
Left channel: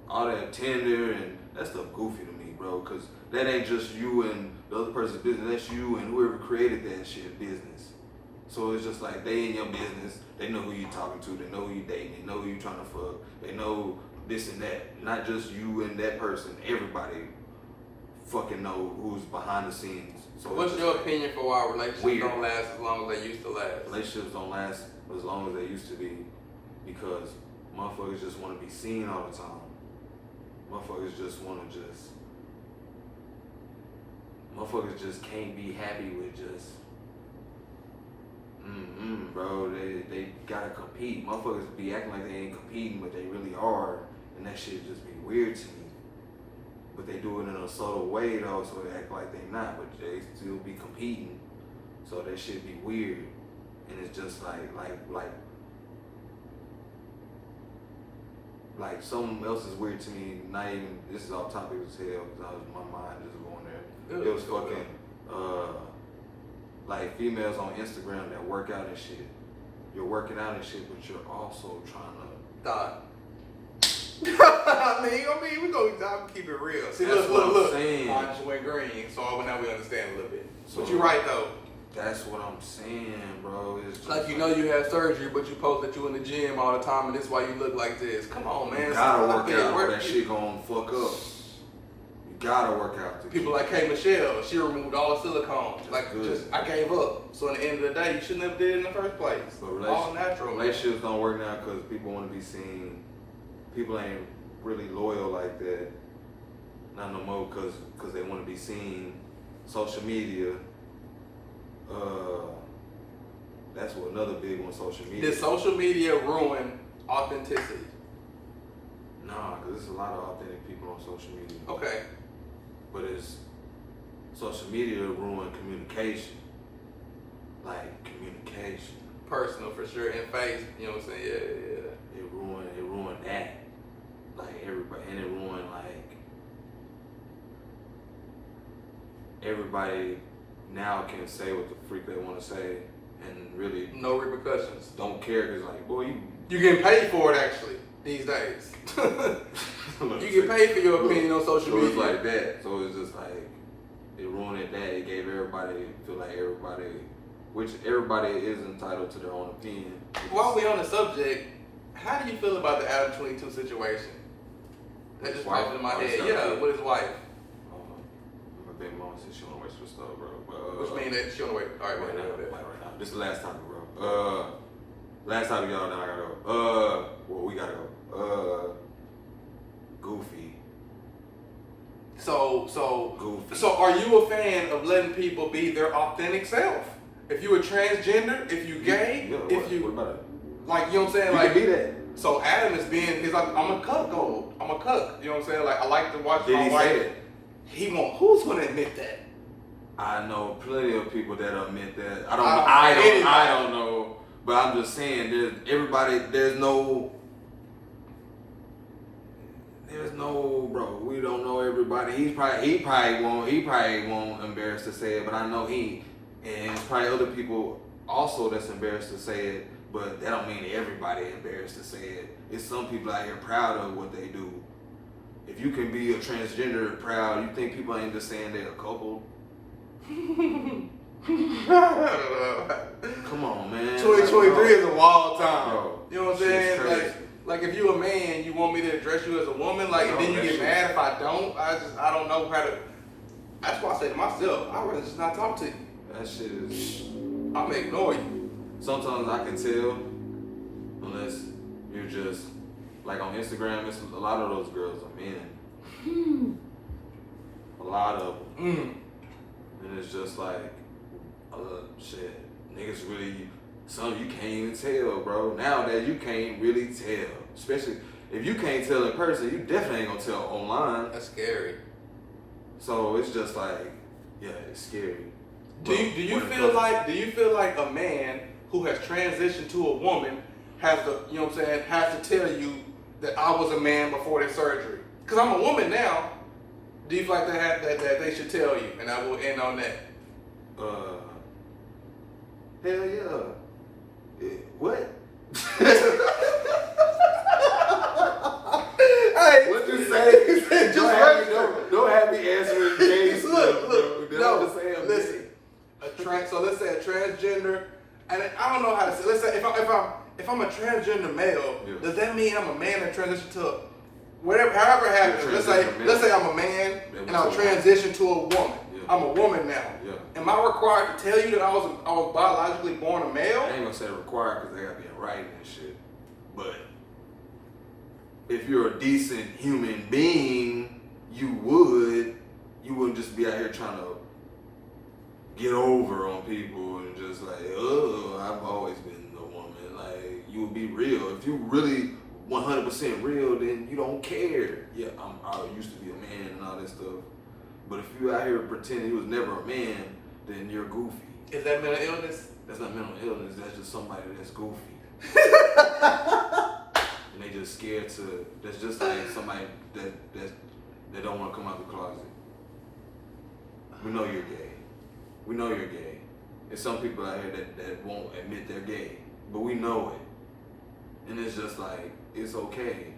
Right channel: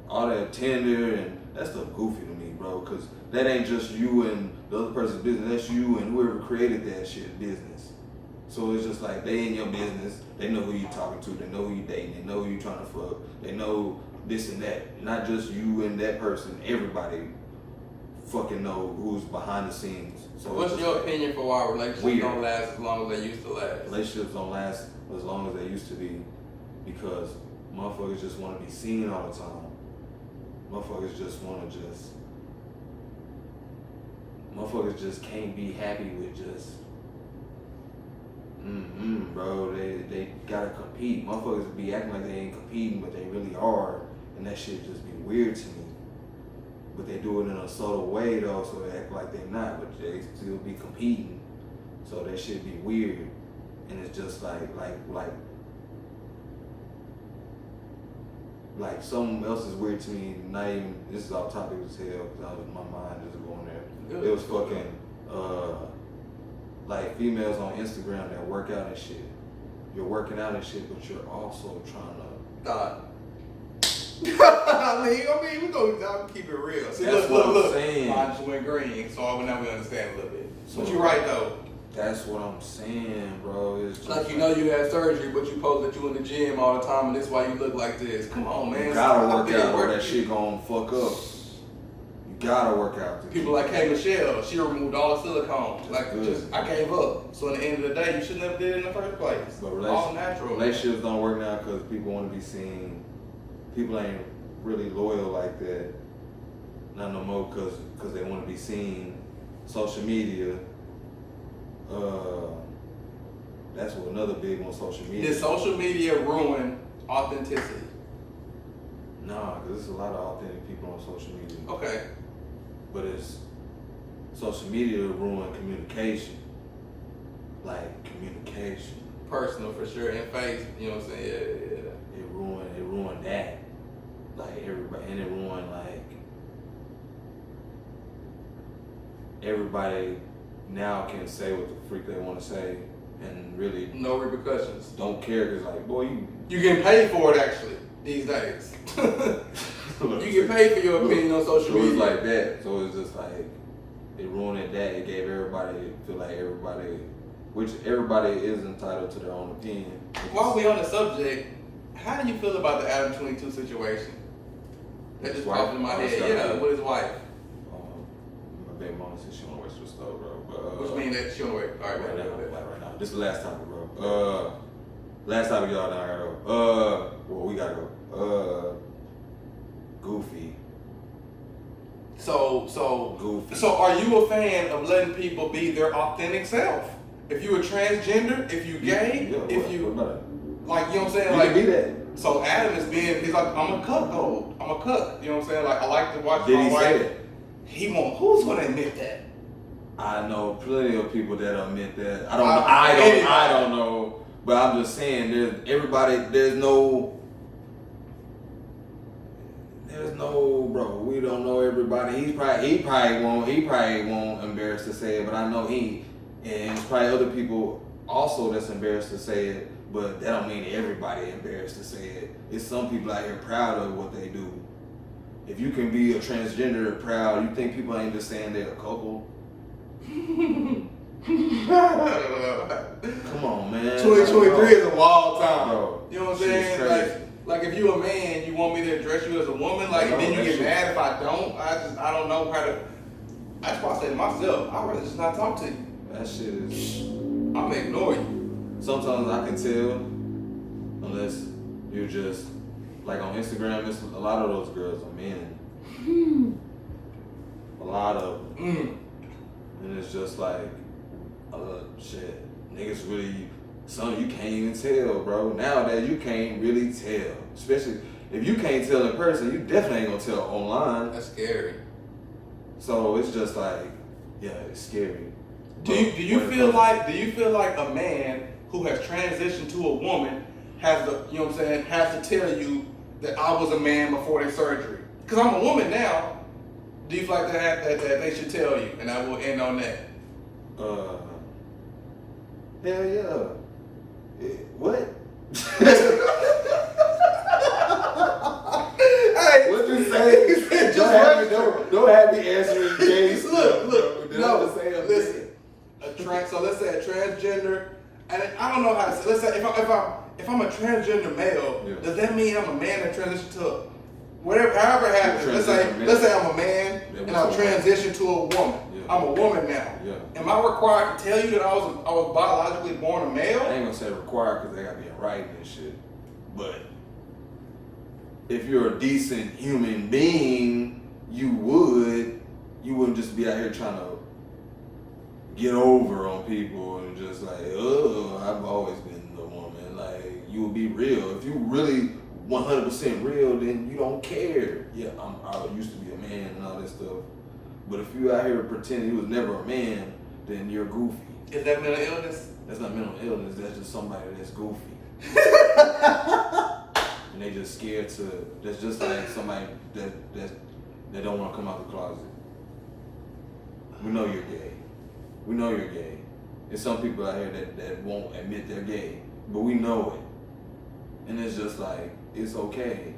All that Tinder and that stuff goofy to me, bro. Cause that ain't just you and the other person's business. That's you and whoever created that shit business. So it's just like they in your business. They know who you talking to. They know who you dating. They know who you trying to fuck. They know this and that. Not just you and that person. Everybody fucking know who's behind the scenes. So What's your opinion for why relationships weird. don't last as long as they used to last? Relationships don't last as long as they used to be because motherfuckers just want to be seen all the time. Motherfuckers just can't be happy with just bro. They gotta compete. Motherfuckers be acting like they ain't competing, but they really are, and that shit just be weird to me. But they do it in a subtle way though, so they act like they not, but they still be competing. So that shit be weird, and it's just like something else is weird to me. Not even this is off topic as hell because my mind just going there. Good. It was fucking like females on Instagram that work out and shit. You're working out and shit, but you're also trying to Nah. I mean, we gonna keep it real. See, That's what I'm saying. I just went green, so now we understand a little bit. So- But you're right though. That's what I'm saying, bro. It's just Like you know you had surgery, but you post that you in the gym all the time, and that's why you look like this. Come on, man. you gotta Stop work being out or work- that shit gonna fuck up. You gotta work out. to People keep- like K. Michelle, she removed all the silicone. That's Like, good. just I gave up. So at the end of the day, you shouldn't have did it in the first place. But All natural. man. relationships don't work now because people want to be seen. People ain't really loyal like that. Not no more because they want to be seen. Social media. That's what another big one. Social media. Did social media ruin authenticity? Nah, because there's a lot of authentic people on social media. Okay. But it's social media ruin communication. Like communication. Personal for sure. And face, you know what I'm saying? Yeah. It ruined that. Like everybody, and it ruined everybody now can say what the freak they want to say and really No repercussions. don't care because like, boy, You get paid for it actually these days. You get paid for your opinion on social So it's media. like that. So it's just like, it ruined that. It gave everybody, feel like which everybody is entitled to their own opinion. While we on the subject, how do you feel about the Adam 22 situation? That just popped in my head. Yeah, with his wife. My baby mama said she want to waste her stuff, bro. But, Which means that she on the way. All right, right now, right. right now. This is the last topic, bro. Last topic, y'all. Now I gotta go. Well, we gotta go. Goofy. Goofy. So are you a fan of letting people be their authentic self? If you a transgender, if you gay, if you what about it? like, you know what I'm saying? You Like, can be that. so Adam is being, he's like, I'm a cuckold. I'm a cuck. You know what I'm saying? Like, I like to watch Did my he wife. say it? He won't. Who's gonna admit that? I know plenty of people that admit that. I don't know. But I'm just saying, there's no, bro. We don't know everybody. He probably won't embarrass to say it, but I know and it's probably other people also that's embarrassed to say it. But that don't mean everybody embarrassed to say it. It's some people out here proud of what they do. If you can be a transgender proud, you think people ain't just saying they're a couple? Come on, man. 2023 is a wild time. Bro, you know what I'm shit's saying? crazy. Like if you a man, you want me to address you as a woman, like, and then you get mad if I don't. I don't know how to. That's why I said to myself, I'd rather just not talk to you. That shit is. I'm gonna ignore you. Sometimes I can tell, unless you're just like on Instagram. It's a lot of those girls are men. A lot of them. And it's just like, shit, niggas really, some you can't even tell, bro. Nowadays, you can't really tell. Especially if you can't tell in person, you definitely ain't gonna tell online. That's scary. So it's just like, yeah, it's scary. Do you feel like a man who has transitioned to a woman has to, you know what I'm saying, has to tell you that I was a man before the surgery? Because I'm a woman now. Do you feel like that they should tell you? And I will end on that. Hell yeah. What? Hey, What you say? Don't have me answering gay stuff. Listen. So let's say a transgender, and I don't know how to say. Let's say if I'm a transgender male, does that mean I'm a man that transitioned to whatever? However it happens. Let's say I'm a man and I'll transition to a woman. Yeah. I'm a woman now. Yeah. Am I required to tell you that I was biologically born a male? I ain't gonna say required because they gotta be in writing and shit. But if you're a decent human being, you wouldn't just be out here trying to get over on people and just like, oh, I've always been a woman. Like, you would be real. If you really 100% real, then you don't care. Yeah, I used to be a man and all that stuff. But if you out here pretending you was never a man, then you're goofy. Is that mental illness? That's not mental illness. That's just somebody that's goofy. And they just scared to. That's just like somebody that don't want to come out the closet. We know you're gay. We know you're gay. There's some people out here that won't admit they're gay, but we know it. And it's just like, it's okay.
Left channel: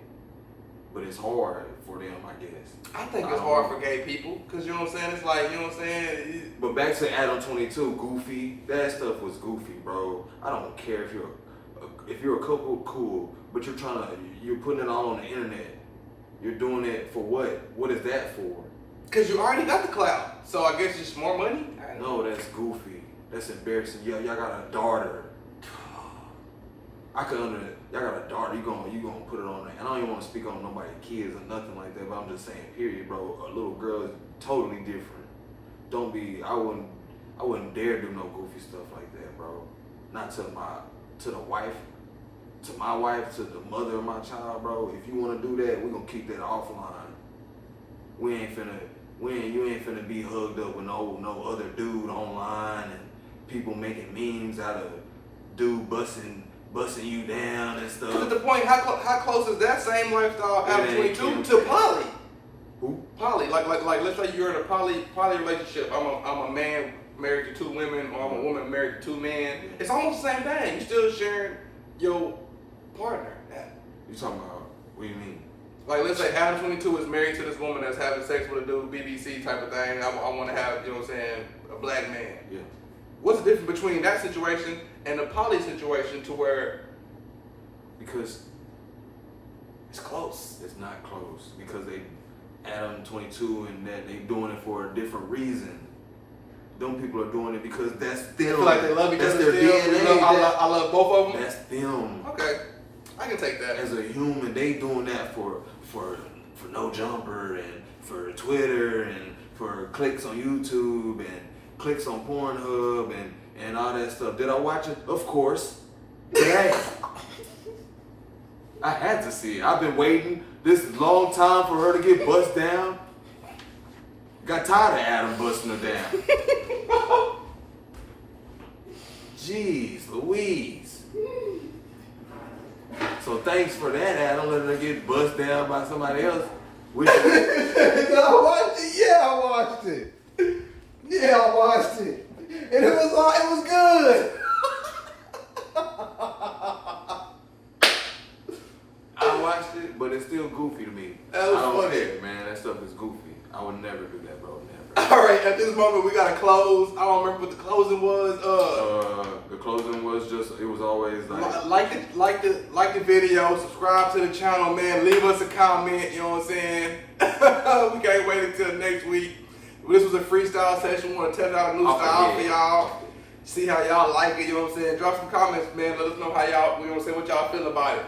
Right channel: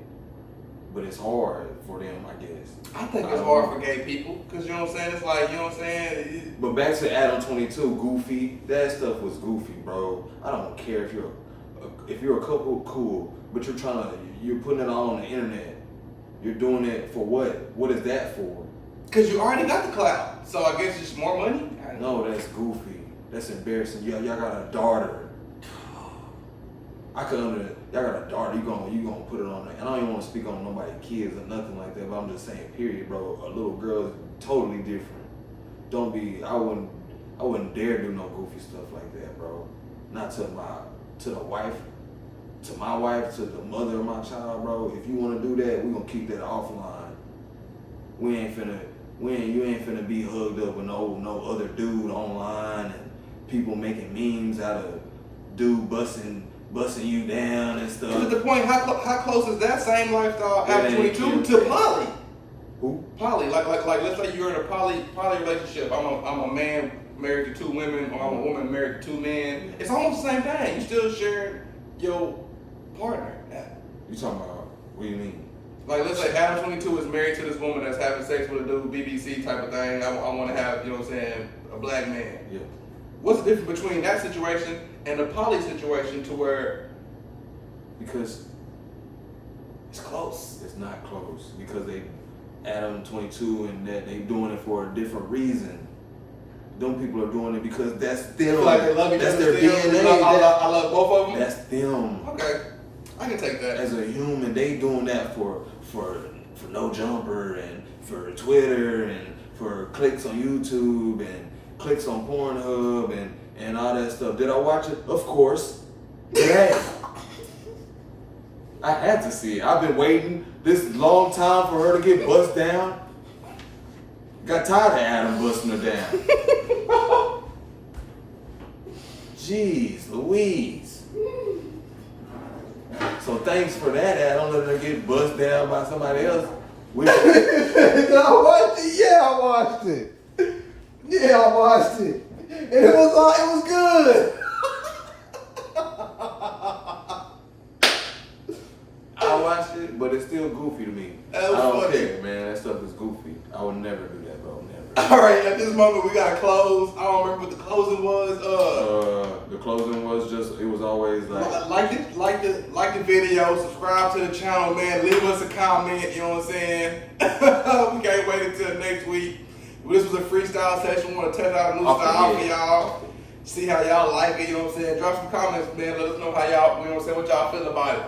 But it's hard for them, I guess. I think it's hard for gay people, because you know what I'm saying? It's like, you know what I'm saying? But back to Adam 22, goofy. That stuff was goofy, bro. I don't care if you're a couple, cool, but you're putting it all on the internet. You're doing it for what? What is that for? Because you already got the clout. So I guess it's more money? No, that's goofy. That's embarrassing. Y'all got a daughter. Y'all got a daughter. You gonna put it on there. And I don't even want to speak on nobody's kids or nothing like that. But I'm just saying, period, bro. A little girl is totally different. I wouldn't dare do no goofy stuff like that, bro. Not to my wife, to the mother of my child, bro. If you want to do that, we gonna keep that offline. You ain't finna be hugged up with no other dude online and people making memes out of dude busting you down and stuff. To the point, how close is that same lifestyle Adam 22 to poly? Who? Poly, like let's say you're in a poly relationship. I'm a man married to two women, or I'm a woman married to two men. It's almost the same thing. You still sharing your partner. You talking about? What do you mean? Like, let's say Adam 22 is married to this woman that's having sex with a dude, BBC type of thing. I want to have, you know what I'm saying, a black man. Yeah. What's the difference between that situation and the poly situation to where? Because it's close. It's not close because Adam 22 and that they doing it for a different reason. Them people are doing it because that's them. Feel like they love each that's other their still. DNA. I love both of them. That's them. Okay, I can take that. As a human, they doing that for for No Jumper and for Twitter and for clicks on YouTube and clicks on Pornhub and all that stuff. Did I watch it? Of course. Yeah. I had to see it. I've been waiting this long time for her to get bust down. Got tired of Adam busting her down. Jeez Louise. So thanks for that, Adam, letting her get bust down by somebody else. Which, I watched it. Yeah, I watched it. Yeah, I watched it. And it was good. I watched it, but it's still goofy to me. That was I don't funny. care, man. That stuff is goofy. I would never do that, bro. Never. All right, at this moment we gotta close. I don't remember what the closing was. The closing was just, it was always like, Like the video, subscribe to the channel, man. Leave us a comment. You know what I'm saying? We can't wait until next week. This was a freestyle session. We want to test out a new style for y'all. See how y'all like it. You know what I'm saying? Drop some comments, man. Let us know how y'all. You know what I'm saying? What y'all feel about it.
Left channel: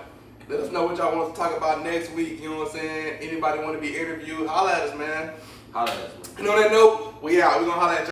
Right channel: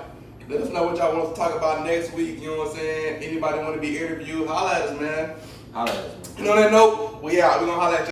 Let us know what y'all want us to talk about next week. You know what I'm saying? Anybody want to be interviewed? Holla at us, man. holla at us, man. And on that note, we out. We're gonna holla at y'all.